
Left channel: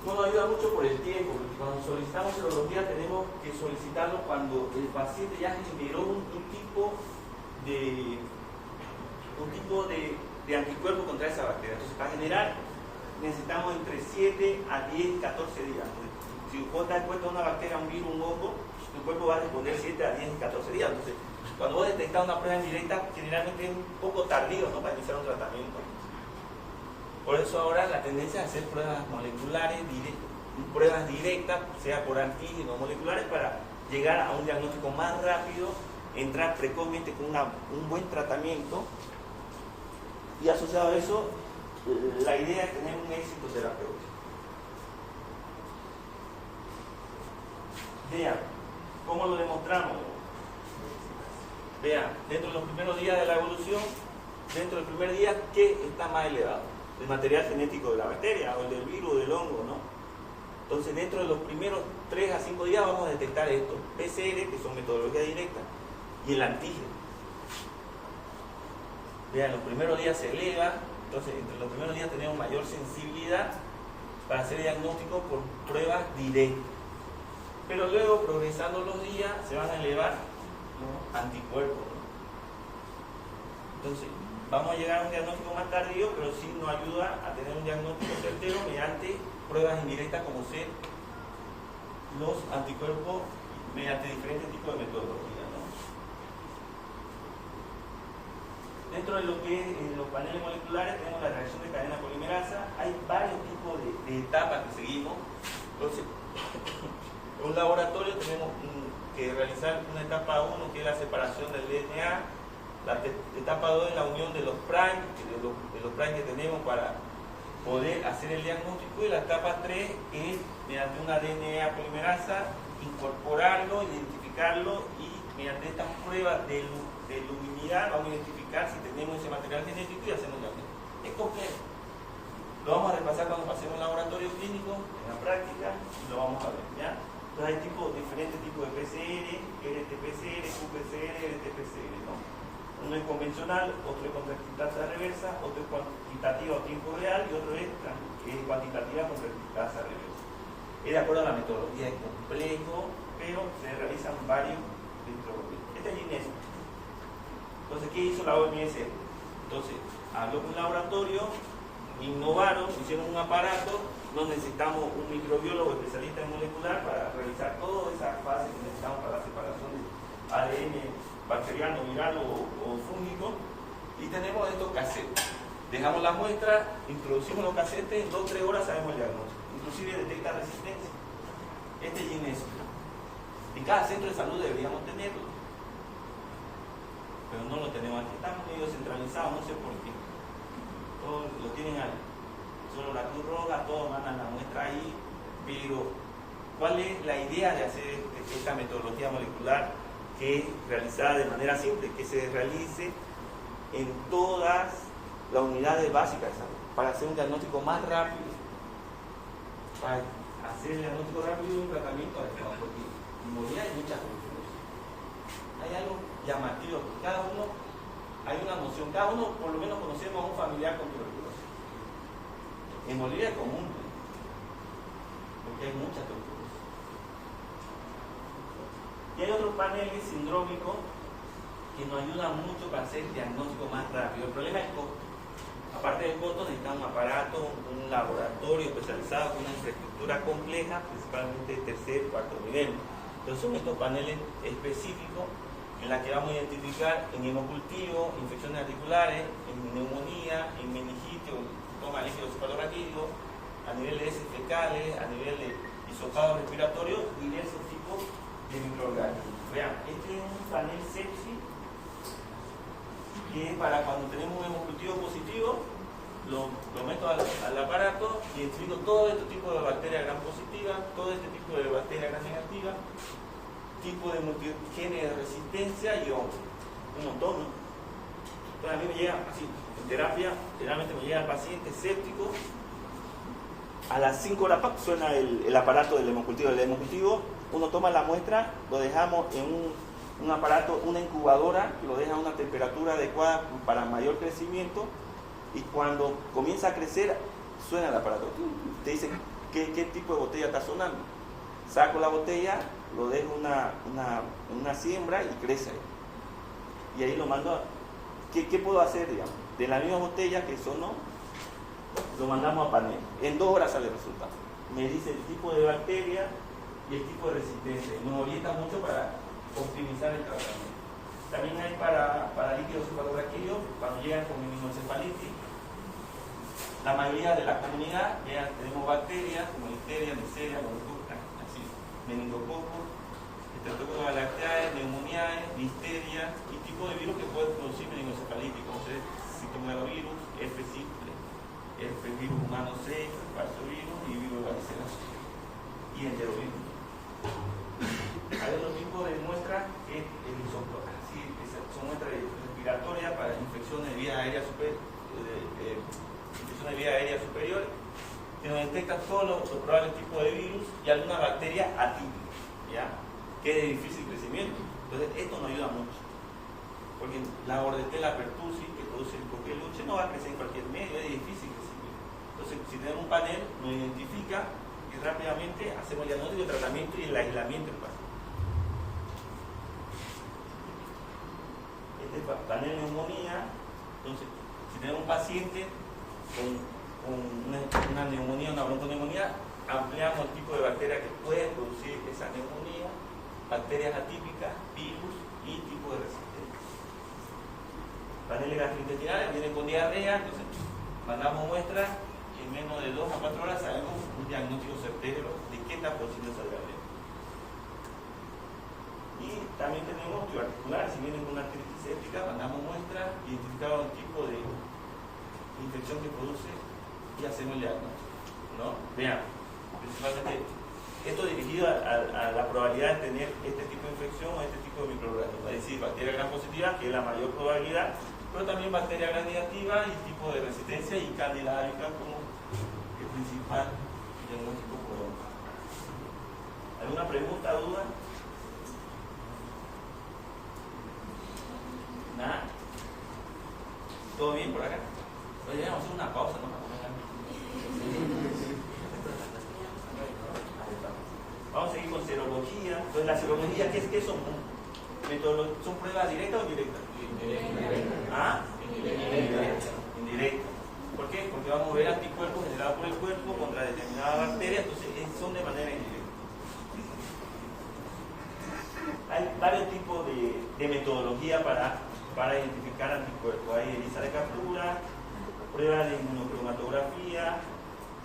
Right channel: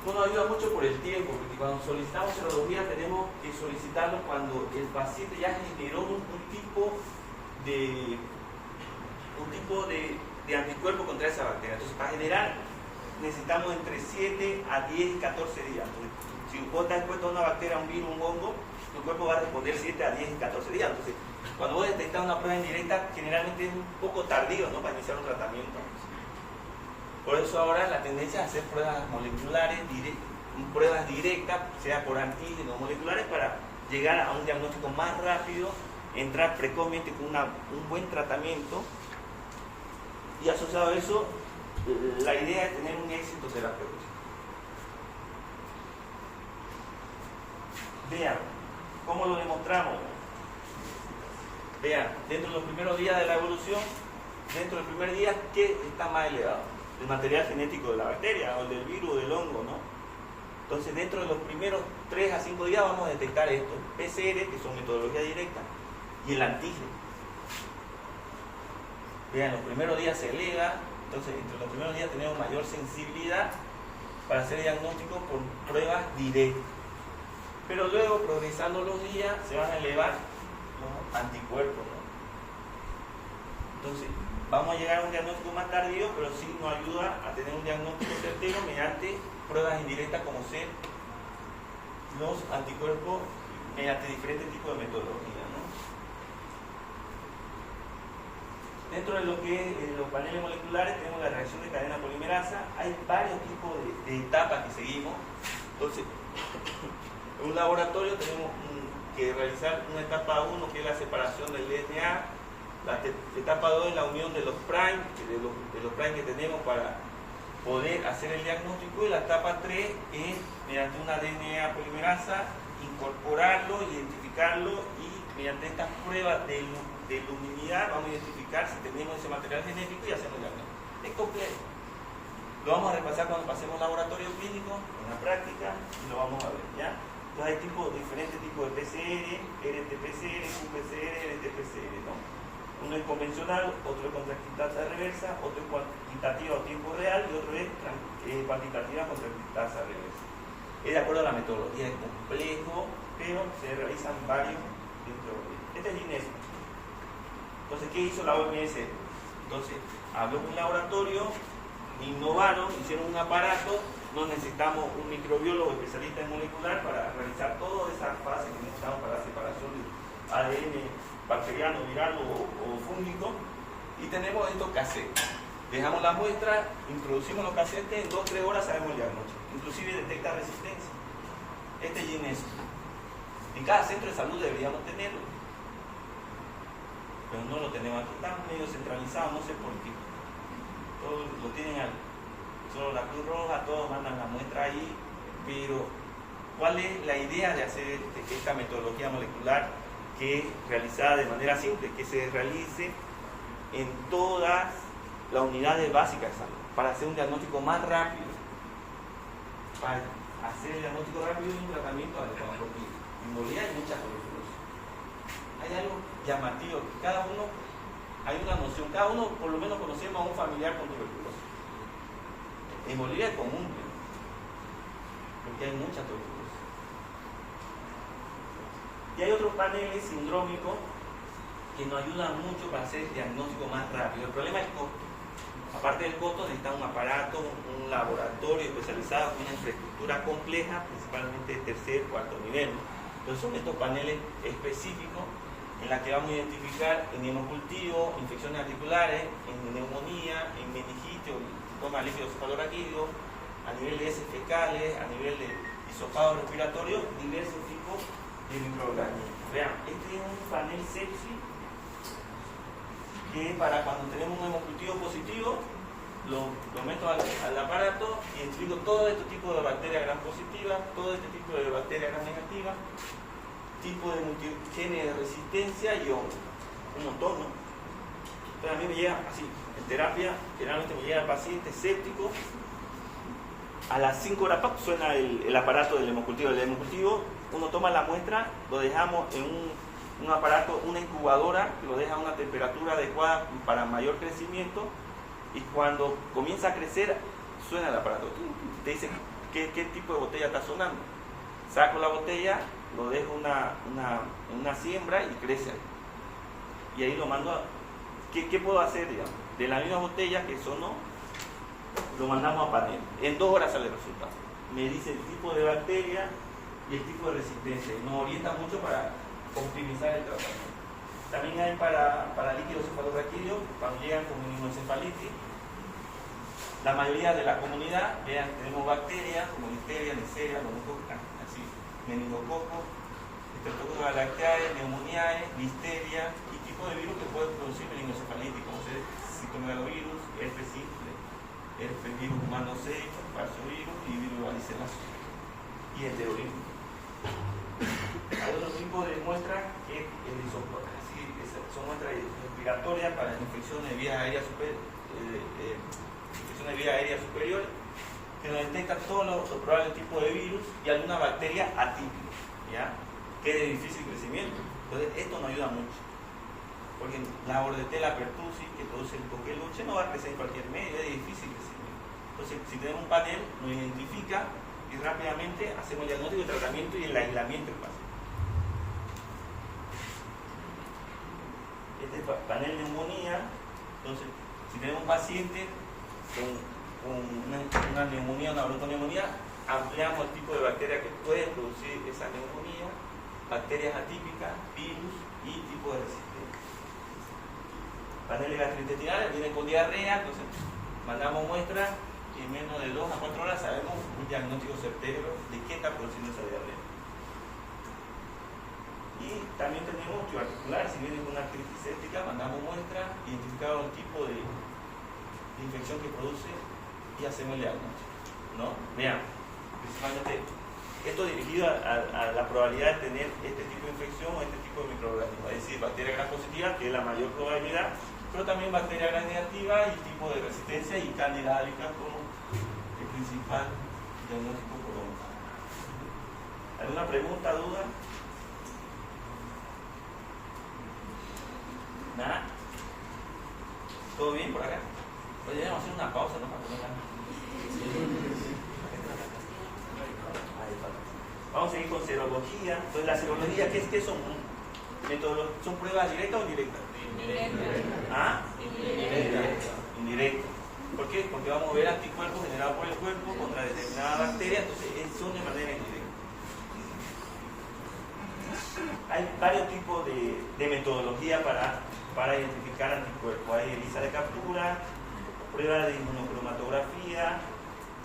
no nos ayuda mucho por el tiempo, porque cuando solicitamos serología tenemos que solicitarlo cuando el paciente ya generó un tipo de anticuerpo contra esa bacteria. Entonces, para generar necesitamos entre 7 a 10 y 14 días. Entonces, si vos estás expuesto a una bacteria, un virus, un hongo, tu cuerpo va a responder 7 a 10 y 14 días. Entonces, cuando vos detectás una prueba indirecta, generalmente es un poco tardío, ¿no?, para iniciar un tratamiento. Por eso ahora la tendencia es hacer pruebas moleculares, pruebas directas, sea por antígenos moleculares, para llegar a un diagnóstico más rápido, entrar precozmente con un buen tratamiento, y asociado a eso, la idea es tener un éxito terapéutico. Vean, ¿cómo lo demostramos? Vean, dentro de los primeros días de la evolución, dentro del primer día, ¿qué está más elevado? El material genético de la bacteria o del virus o del hongo, ¿no? Entonces, dentro de los primeros 3 a 5 días vamos a detectar esto: PCR, que son metodología directa, y el antígeno. Vean, los primeros días se eleva, entonces entre los primeros días tenemos mayor sensibilidad para hacer diagnóstico por pruebas directas. Pero luego, progresando los días, se van a elevar los anticuerpos, ¿no? Entonces, vamos a llegar a un diagnóstico más tardío, pero sí nos ayuda a tener un diagnóstico certero mediante pruebas indirectas, como ser los anticuerpos mediante diferentes tipos de metodologías, ¿no? Dentro de lo que es los paneles moleculares tenemos la reacción de cadena polimerasa. Hay varios tipos de etapas que seguimos. Entonces, en un laboratorio tenemos que realizar una etapa 1, que es la separación del DNA, la etapa 2 es la unión de los prime, de los prime que tenemos para poder hacer el diagnóstico, y la etapa 3 es mediante una DNA polimerasa incorporarlo, identificarlo, y mediante estas pruebas de luminidad vamos a identificar si tenemos ese material genético y hacemos el diagnóstico. Es complejo. Lo vamos a repasar cuando pasemos un laboratorio clínico, en la práctica, y lo vamos a ver, ¿ya? Entonces hay diferentes tipos de PCR, RT-PCR, qPCR, RT-PCR, ¿no? Uno es convencional, otro es contractasa reversa, otro es cuantitativa a tiempo real, y otro es cuantitativa contractasa reversa. Es de acuerdo a la metodología, es complejo, pero se realizan varios dentro de este es INES. Entonces, ¿qué hizo la OMS? Entonces, habló con un laboratorio, innovaron, hicieron un aparato, no necesitamos un microbiólogo especialista en molecular para realizar todas esas fases que necesitamos para la separación de ADN bacteriano, viral o fúngico, y tenemos estos casetes. Dejamos la muestra, introducimos los casetes, en 2-3 horas sabemos el diagnóstico, inclusive detecta resistencia. Este es GINESO. En cada centro de salud deberíamos tenerlo, pero no lo tenemos. Aquí estamos medio centralizados, no sé por qué. Todos lo tienen solo la Cruz Roja, todos mandan la muestra ahí, pero ¿cuál es la idea de hacer esta metodología molecular, que es realizada de manera simple, que se realice en todas las unidades básicas de salud, para hacer un diagnóstico más rápido, para hacer el diagnóstico rápido y un tratamiento adecuado? Porque en Bolivia hay muchas tuberculosis. Hay algo llamativo, cada uno, hay una noción, cada uno por lo menos conocemos a un familiar con tuberculosis. En Bolivia es común, porque hay mucha tuberculosis. Y hay otros paneles sindrómicos que nos ayudan mucho para hacer el diagnóstico más rápido. El problema es el costo. Aparte del costo, necesita un aparato, un laboratorio especializado con una infraestructura compleja, principalmente de tercer, cuarto nivel. Entonces son estos paneles específicos en la que vamos a identificar en hemocultivo, infecciones articulares, en neumonía, en meningitis, toma líquido cefalorraquídeo, a nivel de heces fecales, a nivel de hisopado respiratorio, diversos tipos de microorganismos. Vean, este es un panel sepsis que es para cuando tenemos un hemocultivo positivo, lo meto al aparato y identifico todo este tipo de bacterias gram positivas, todo este tipo de bacterias gram negativas, tipo de multigenes de resistencia y un montón, ¿no? Entonces a mí me llega así, en terapia, generalmente me llega el paciente séptico, a las 5 horas suena el aparato del hemocultivo. El hemocultivo, uno toma la muestra, lo dejamos en un aparato, una incubadora, lo deja a una temperatura adecuada para mayor crecimiento, y cuando comienza a crecer, suena el aparato. Te dicen qué tipo de botella está sonando. Saco la botella, lo dejo una siembra y crece. Y ahí lo mando a... ¿Qué puedo hacer, digamos? De la misma botella que sonó, lo mandamos a panel. En 2 horas sale el resultado. Me dice el tipo de bacteria y el tipo de resistencia. Nos orienta mucho para optimizar el tratamiento. También hay para líquido cefalorraquídeo, cuando llegan con minimoencefalitis. La mayoría de la comunidad, vean, tenemos bacterias como Listeria, Neisseria, así, meningococo, Streptococcus galactiae, Pneumoniae, Listeria y tipos de virus que pueden producir meningoencefalitis, como ser citomegalovirus, herpes simple, herpes virus humano 6, parsovirus y virus varicela y enterovirus. Hay otro tipo de muestra que es el isótopo, así, son muestras respiratorias para infecciones de vías aéreas superiores, que nos detectan todos los probables tipos de virus y alguna bacteria atípica, ¿ya? Que es de difícil crecimiento. Entonces esto nos ayuda mucho, porque la Bordetella pertussis, que produce el coqueluche, no va a crecer en cualquier medio, es de difícil crecimiento. Entonces, si tenemos un panel, nos identifica y rápidamente hacemos el diagnóstico, el tratamiento y el aislamiento del paciente. Este panel de neumonía, entonces, si tenemos un paciente con una neumonía, una bronconeumonía, ampliamos el tipo de bacterias que pueden producir esa neumonía, bacterias atípicas, virus y tipo de resistencia. Paneles gastrointestinales vienen con diarrea, entonces mandamos muestras y en menos de 2 a 4 horas sabemos un diagnóstico certero de qué está produciendo esa diarrea. Y también tenemos articular, si viene con una artritis séptica, mandamos muestras, identificamos el tipo de infección que produce y hacemos el diagnóstico, ¿no? Vean, principalmente esto dirigido a la probabilidad de tener este tipo de infección o este tipo de microorganismos, es decir, bacteria gran positiva, que es la mayor probabilidad, pero también bacteria gran negativa y tipo de resistencia y cándida albicans como el principal diagnóstico probable. ¿Alguna pregunta, duda? ¿Nada? ¿Todo bien por acá? Oye, debemos hacer una pausa, ¿no? Vamos a seguir con serología. Entonces, la serología, ¿qué son? ¿Son pruebas directas o indirectas? ¿Ah? Indirectas. ¿Por qué? Porque vamos a ver anticuerpos generados por el cuerpo contra determinada bacteria, entonces son de manera indirecta. Hay varios tipos de metodología para identificar anticuerpos. Hay ELISA de captura, prueba de inmunocromatografía,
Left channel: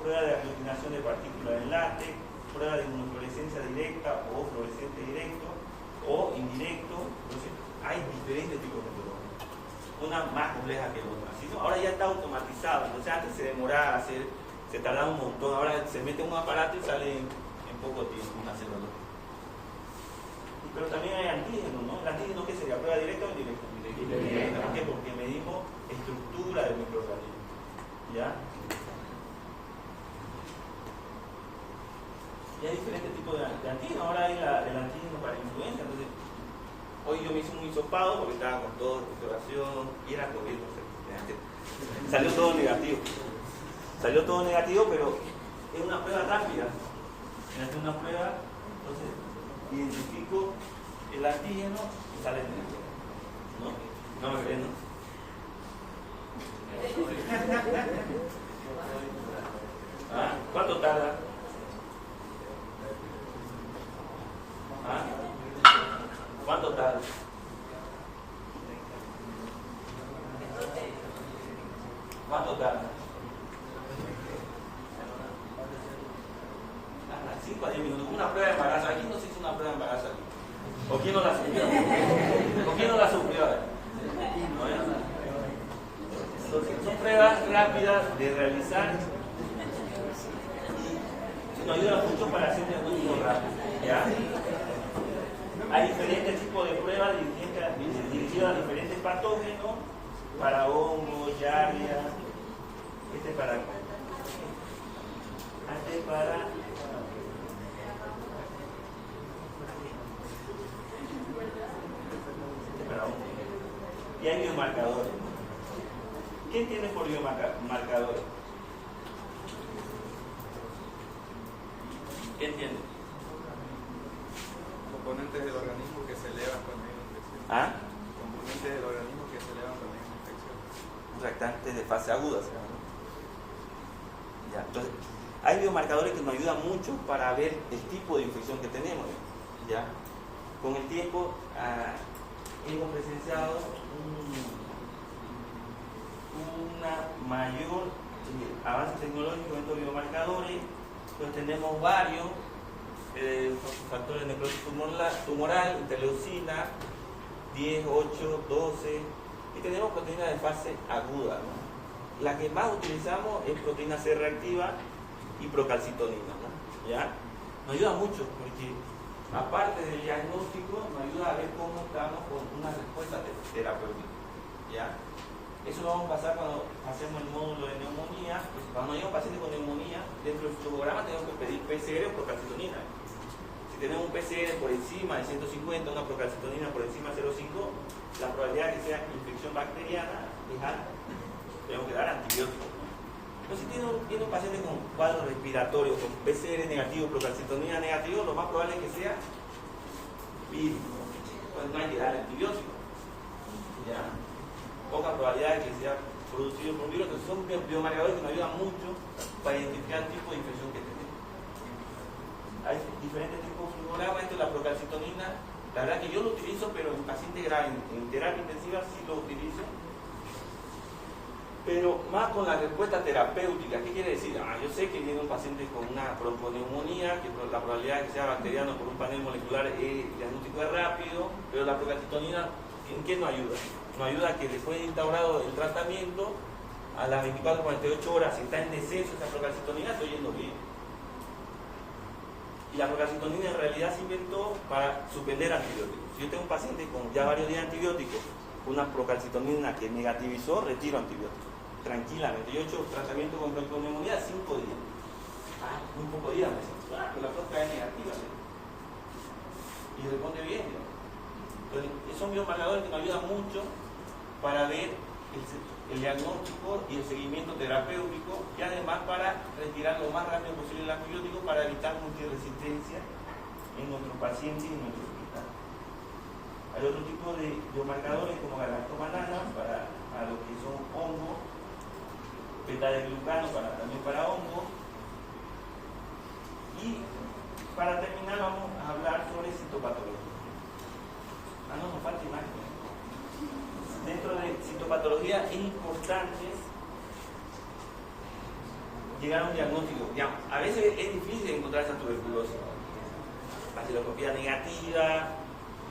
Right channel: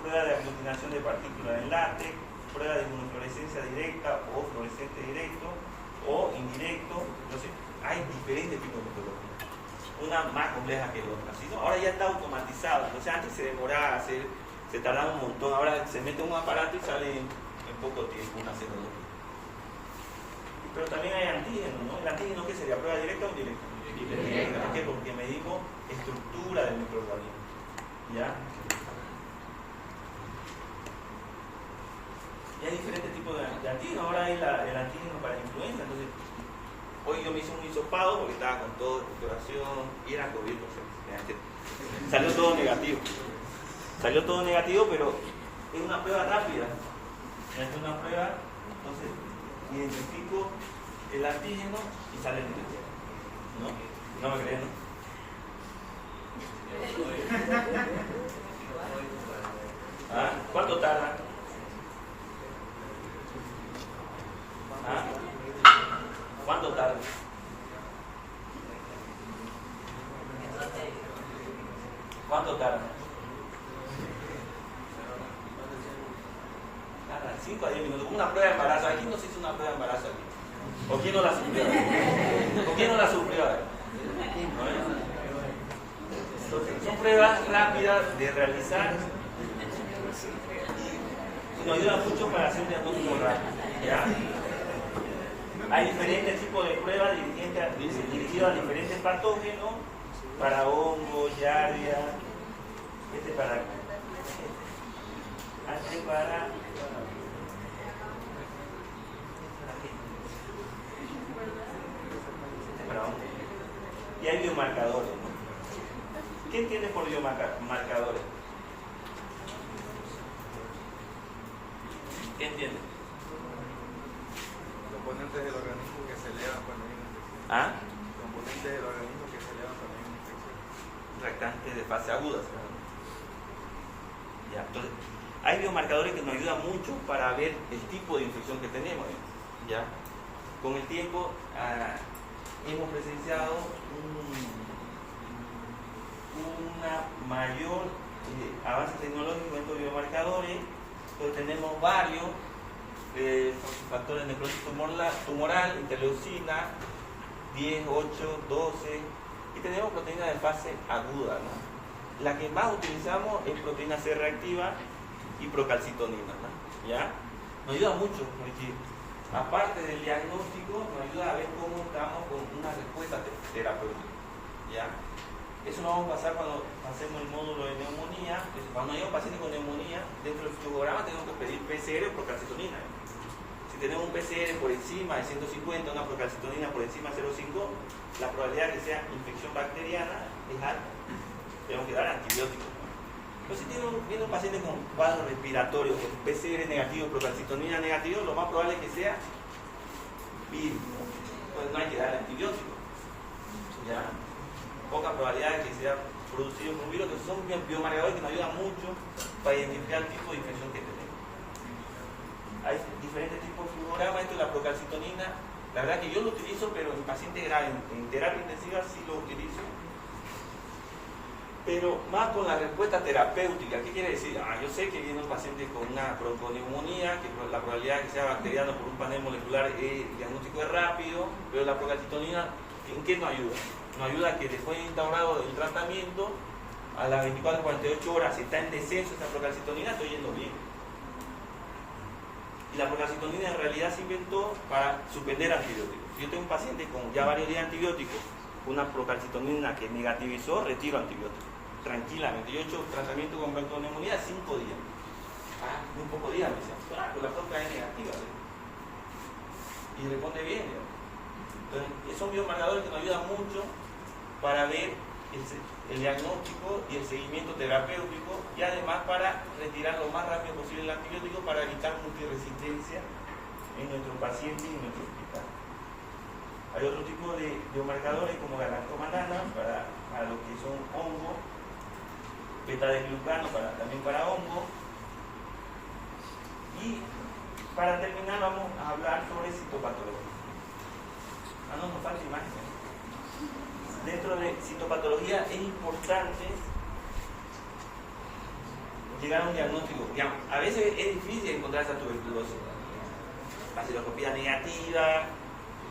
prueba de aglutinación de partículas en látex, prueba de inmunofluorescencia directa o fluorescente directo o indirecto. Entonces, hay diferentes tipos de metodologías, una más compleja que otra. ¿Sí? ¿No? Ahora ya está automatizado, entonces antes se demoraba a hacer, se tardaba un montón, ahora se mete un aparato y sale en poco tiempo una serología. Pero también hay antígenos, ¿no? ¿El antígeno qué sería? ¿Prueba directa o indirecta? Directa. ¿Por qué? Porque medimos estructura del microorganismo. ¿Ya? Y hay diferentes tipos de antígenos. Ahora hay el antígeno para la influenza. Entonces, hoy yo me hice un hisopado porque estaba con todo de recuperación y era COVID, no sé. Salió todo negativo. Salió todo negativo, pero es una prueba rápida. Es una prueba, entonces identifico el antígeno y sale negativo. ¿No? ¿No me creen, no? ¿Ah? ¿Cuánto tarda? ¿Ah? ¿Cuánto tarda? ¿Cuánto tarda? 5 a 10 minutos. Una prueba de embarazo. Aquí no se hizo una prueba de embarazo aquí. ¿O quién no la sufrió? ¿O quién no la sufrió? Entonces, son pruebas rápidas de realizar y nos ayudan mucho para hacer un diagnóstico rápido. ¿Ya? Hay diferentes tipos de pruebas dirigidas a diferentes patógenos, para hongos, yardia, para acá. Para y hay biomarcadores, ¿no? ¿Qué entiendes por biomarcadores? ¿Qué entiendes? Componentes del organismo que se elevan también. ¿Ah? Componentes del organismo que se elevan también en infección. Reactantes de fase aguda. Ya, entonces, hay biomarcadores que nos ayudan mucho para ver el tipo de infección que tenemos. ¿Ya? Con el tiempo hemos presenciado una mayor avance tecnológico en estos biomarcadores. Pues tenemos varios factores de necrosis tumoral, interleucina 10, 8, 12 y tenemos proteínas de fase aguda, ¿no? La que más utilizamos es proteína C reactiva y procalcitonina, ¿no? ¿Ya? Nos ayuda mucho porque aparte del diagnóstico nos ayuda a ver cómo estamos con una respuesta terapéutica, ¿ya? Eso lo vamos a pasar cuando hacemos el módulo de neumonía. Cuando hay un paciente con neumonía, dentro del flujograma tenemos que pedir PCR por calcitonina. Si tenemos un PCR por encima de 150, una procalcitonina por encima de 0,5, la probabilidad de que sea infección bacteriana es alta. Tenemos que dar antibióticos. Pero si viene un paciente con cuadro respiratorio, con PCR negativo, procalcitonina negativo, lo más probable es que sea virus. Pues no hay que dar antibióticos. ¿Ya? Poca probabilidad de que sea producido por un virus, que son biomarcadores que nos ayudan mucho para identificar el tipo de infección que tenemos. Hay diferentes tipos de flujograma. Esto es la procalcitonina. La verdad que yo lo utilizo, pero en pacientes graves, en terapia intensiva sí lo utilizo. Pero más con la respuesta terapéutica. ¿Qué quiere decir? Yo sé que viene un paciente con una bronconeumonía, que la probabilidad de que sea bacteriano por un panel molecular es diagnóstico es rápido, pero la procalcitonina, ¿en qué nos ayuda? Nos ayuda a que después de instaurado el tratamiento, a las 24-48 horas, si está en descenso esta procalcitonina, estoy yendo bien. Y la procalcitonina en realidad se inventó para suspender antibióticos. Si yo tengo un paciente con ya varios días de antibióticos, una procalcitonina que negativizó, retiro antibióticos. Tranquilamente. Yo he hecho tratamiento con bronconeumonía 5 días. Muy pocos días me dicen, pero la proca es negativa. Y responde bien. Entonces, son biomarcadores que nos ayudan mucho para ver el diagnóstico y el seguimiento terapéutico y además para retirar lo más rápido posible el antibiótico para evitar multiresistencia en nuestro paciente y en nuestro hospital. Hay otro tipo de biomarcadores como galactomanana para los que son hongos, beta-glucano también para hongos. Y para terminar vamos a hablar sobre citopatología. No nos falta imagen. Dentro de citopatología es importante llegar a un diagnóstico. A veces es difícil encontrar esa tuberculosis. Baciloscopía negativa,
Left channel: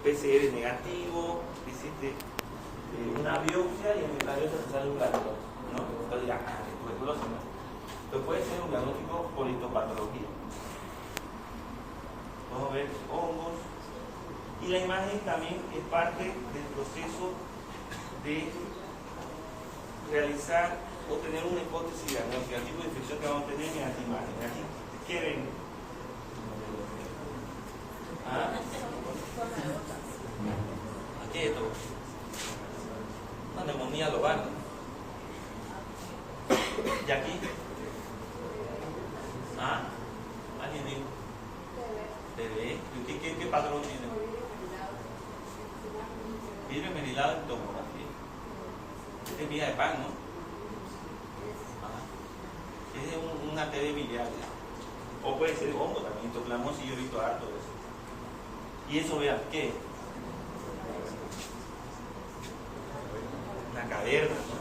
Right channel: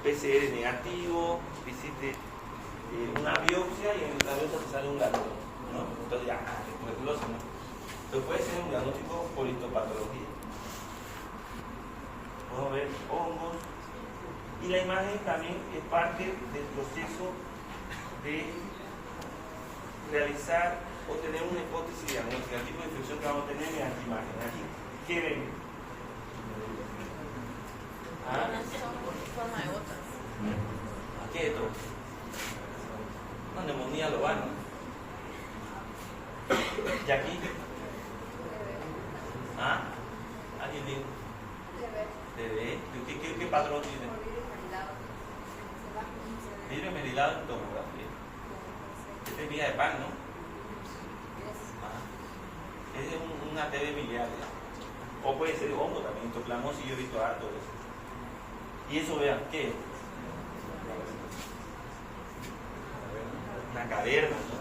PCR negativo, hiciste una biopsia y en la biopsia te sale un ganglio, ¿no? Entonces ya, tuberculosis, ¿no? Entonces puede ser un diagnóstico por histopatología. Vamos a ver hongos. Y la imagen también es parte del proceso de realizar o tener una hipótesis diagnóstica. El tipo de infección que vamos a tener en esta imagen. Aquí, ¿qué ven? Aquí hay otro. Una neumonía global. ¿Y aquí? ¿Alguien dijo? TB. ¿Qué patrón tiene? Vidrio esmerilado en tomografía. Esta es miga de pan, ¿no? Es de un ATD biliar. O puede ser hongo también, histoclamosis, yo he visto harto de eso. Y eso, vean, ¿qué? Una caverna, ¿no?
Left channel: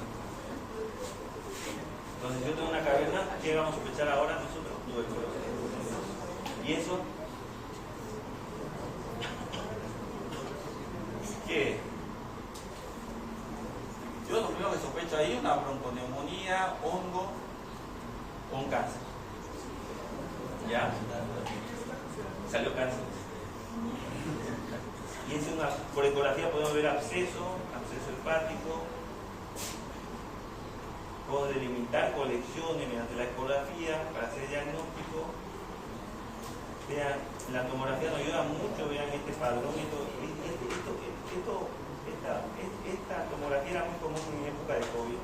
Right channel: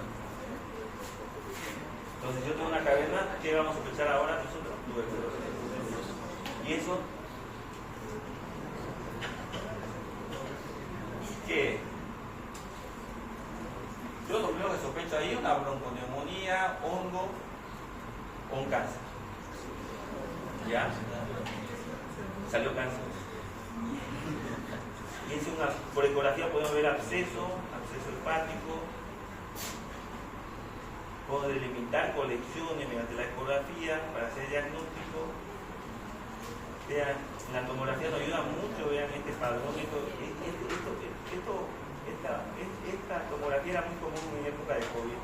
Entonces, yo tengo una caverna, ¿qué vamos a sospechar ahora nosotros? Tuberculosis. ¿Y eso? ¿Qué? Yo lo primero que sospecho ahí es una bronconeumonía, hongo o un cáncer. ¿Ya? Salió cáncer. Y es por ecografía podemos ver absceso hepático. Podemos delimitar colecciones mediante la ecografía para hacer diagnóstico. Vean, la tomografía nos ayuda mucho, vean este padrón. Esta tomografía era muy común en época de COVID.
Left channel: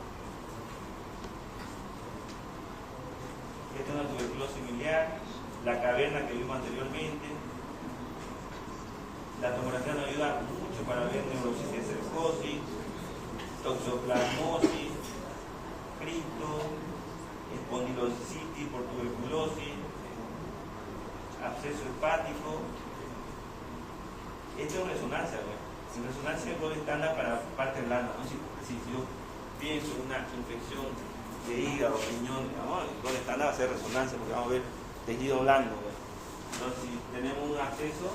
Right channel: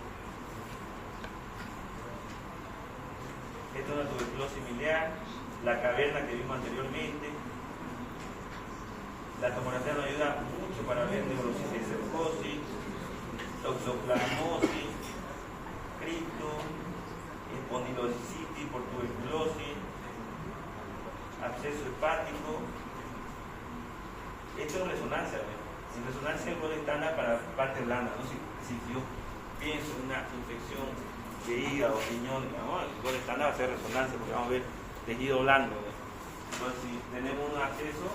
Esta es una tuberculosis miliar, la caverna que vimos anteriormente. La tomografía nos ayuda mucho para ver neurosis de cercosis, toxoplasmosis, cripto, espondilocitis por tuberculosis, absceso hepático. Esto es resonancia, ¿verdad? En resonancia es el gol estándar para parte blanda, ¿no? Si yo pienso en una infección de hígado, riñón, ¿no? El gol estándar va a ser resonancia porque vamos a ver tejido blando, ¿verdad? Entonces, si tenemos un acceso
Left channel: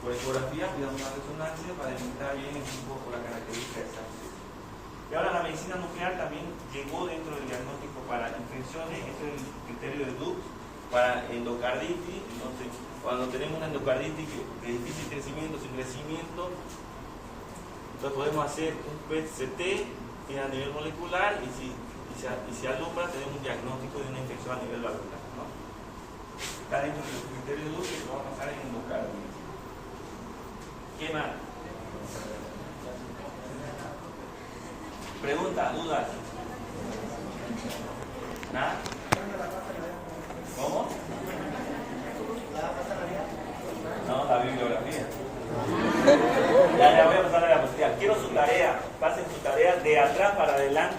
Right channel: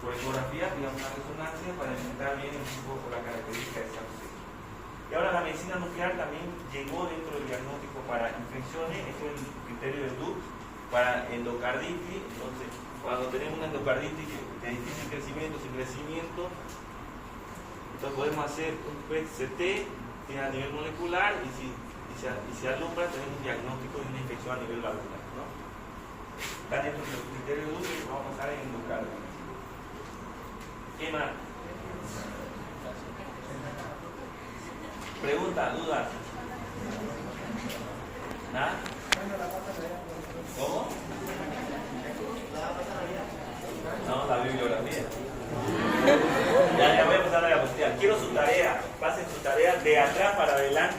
por ecografía, pidamos una resonancia para identificar bien un poco la característica de esa infección. Y ahora la medicina nuclear también llegó dentro del diagnóstico para infecciones, eso es el criterio de Dux, para endocarditis. Entonces, cuando tenemos una endocarditis de difícil crecimiento, sin crecimiento, entonces podemos hacer un PET-CT que es a nivel molecular y si alumbra tenemos un diagnóstico de una infección a nivel valvular, ¿no? Está dentro de los criterios de Dux que vamos a usar en endocarditis. ¿Qué más? Pregunta, dudas. ¿Nada? ¿Cómo? No, la bibliografía. Ya voy a pasar a la cuestión. Quiero su tarea. Pasen su tarea de atrás para adelante.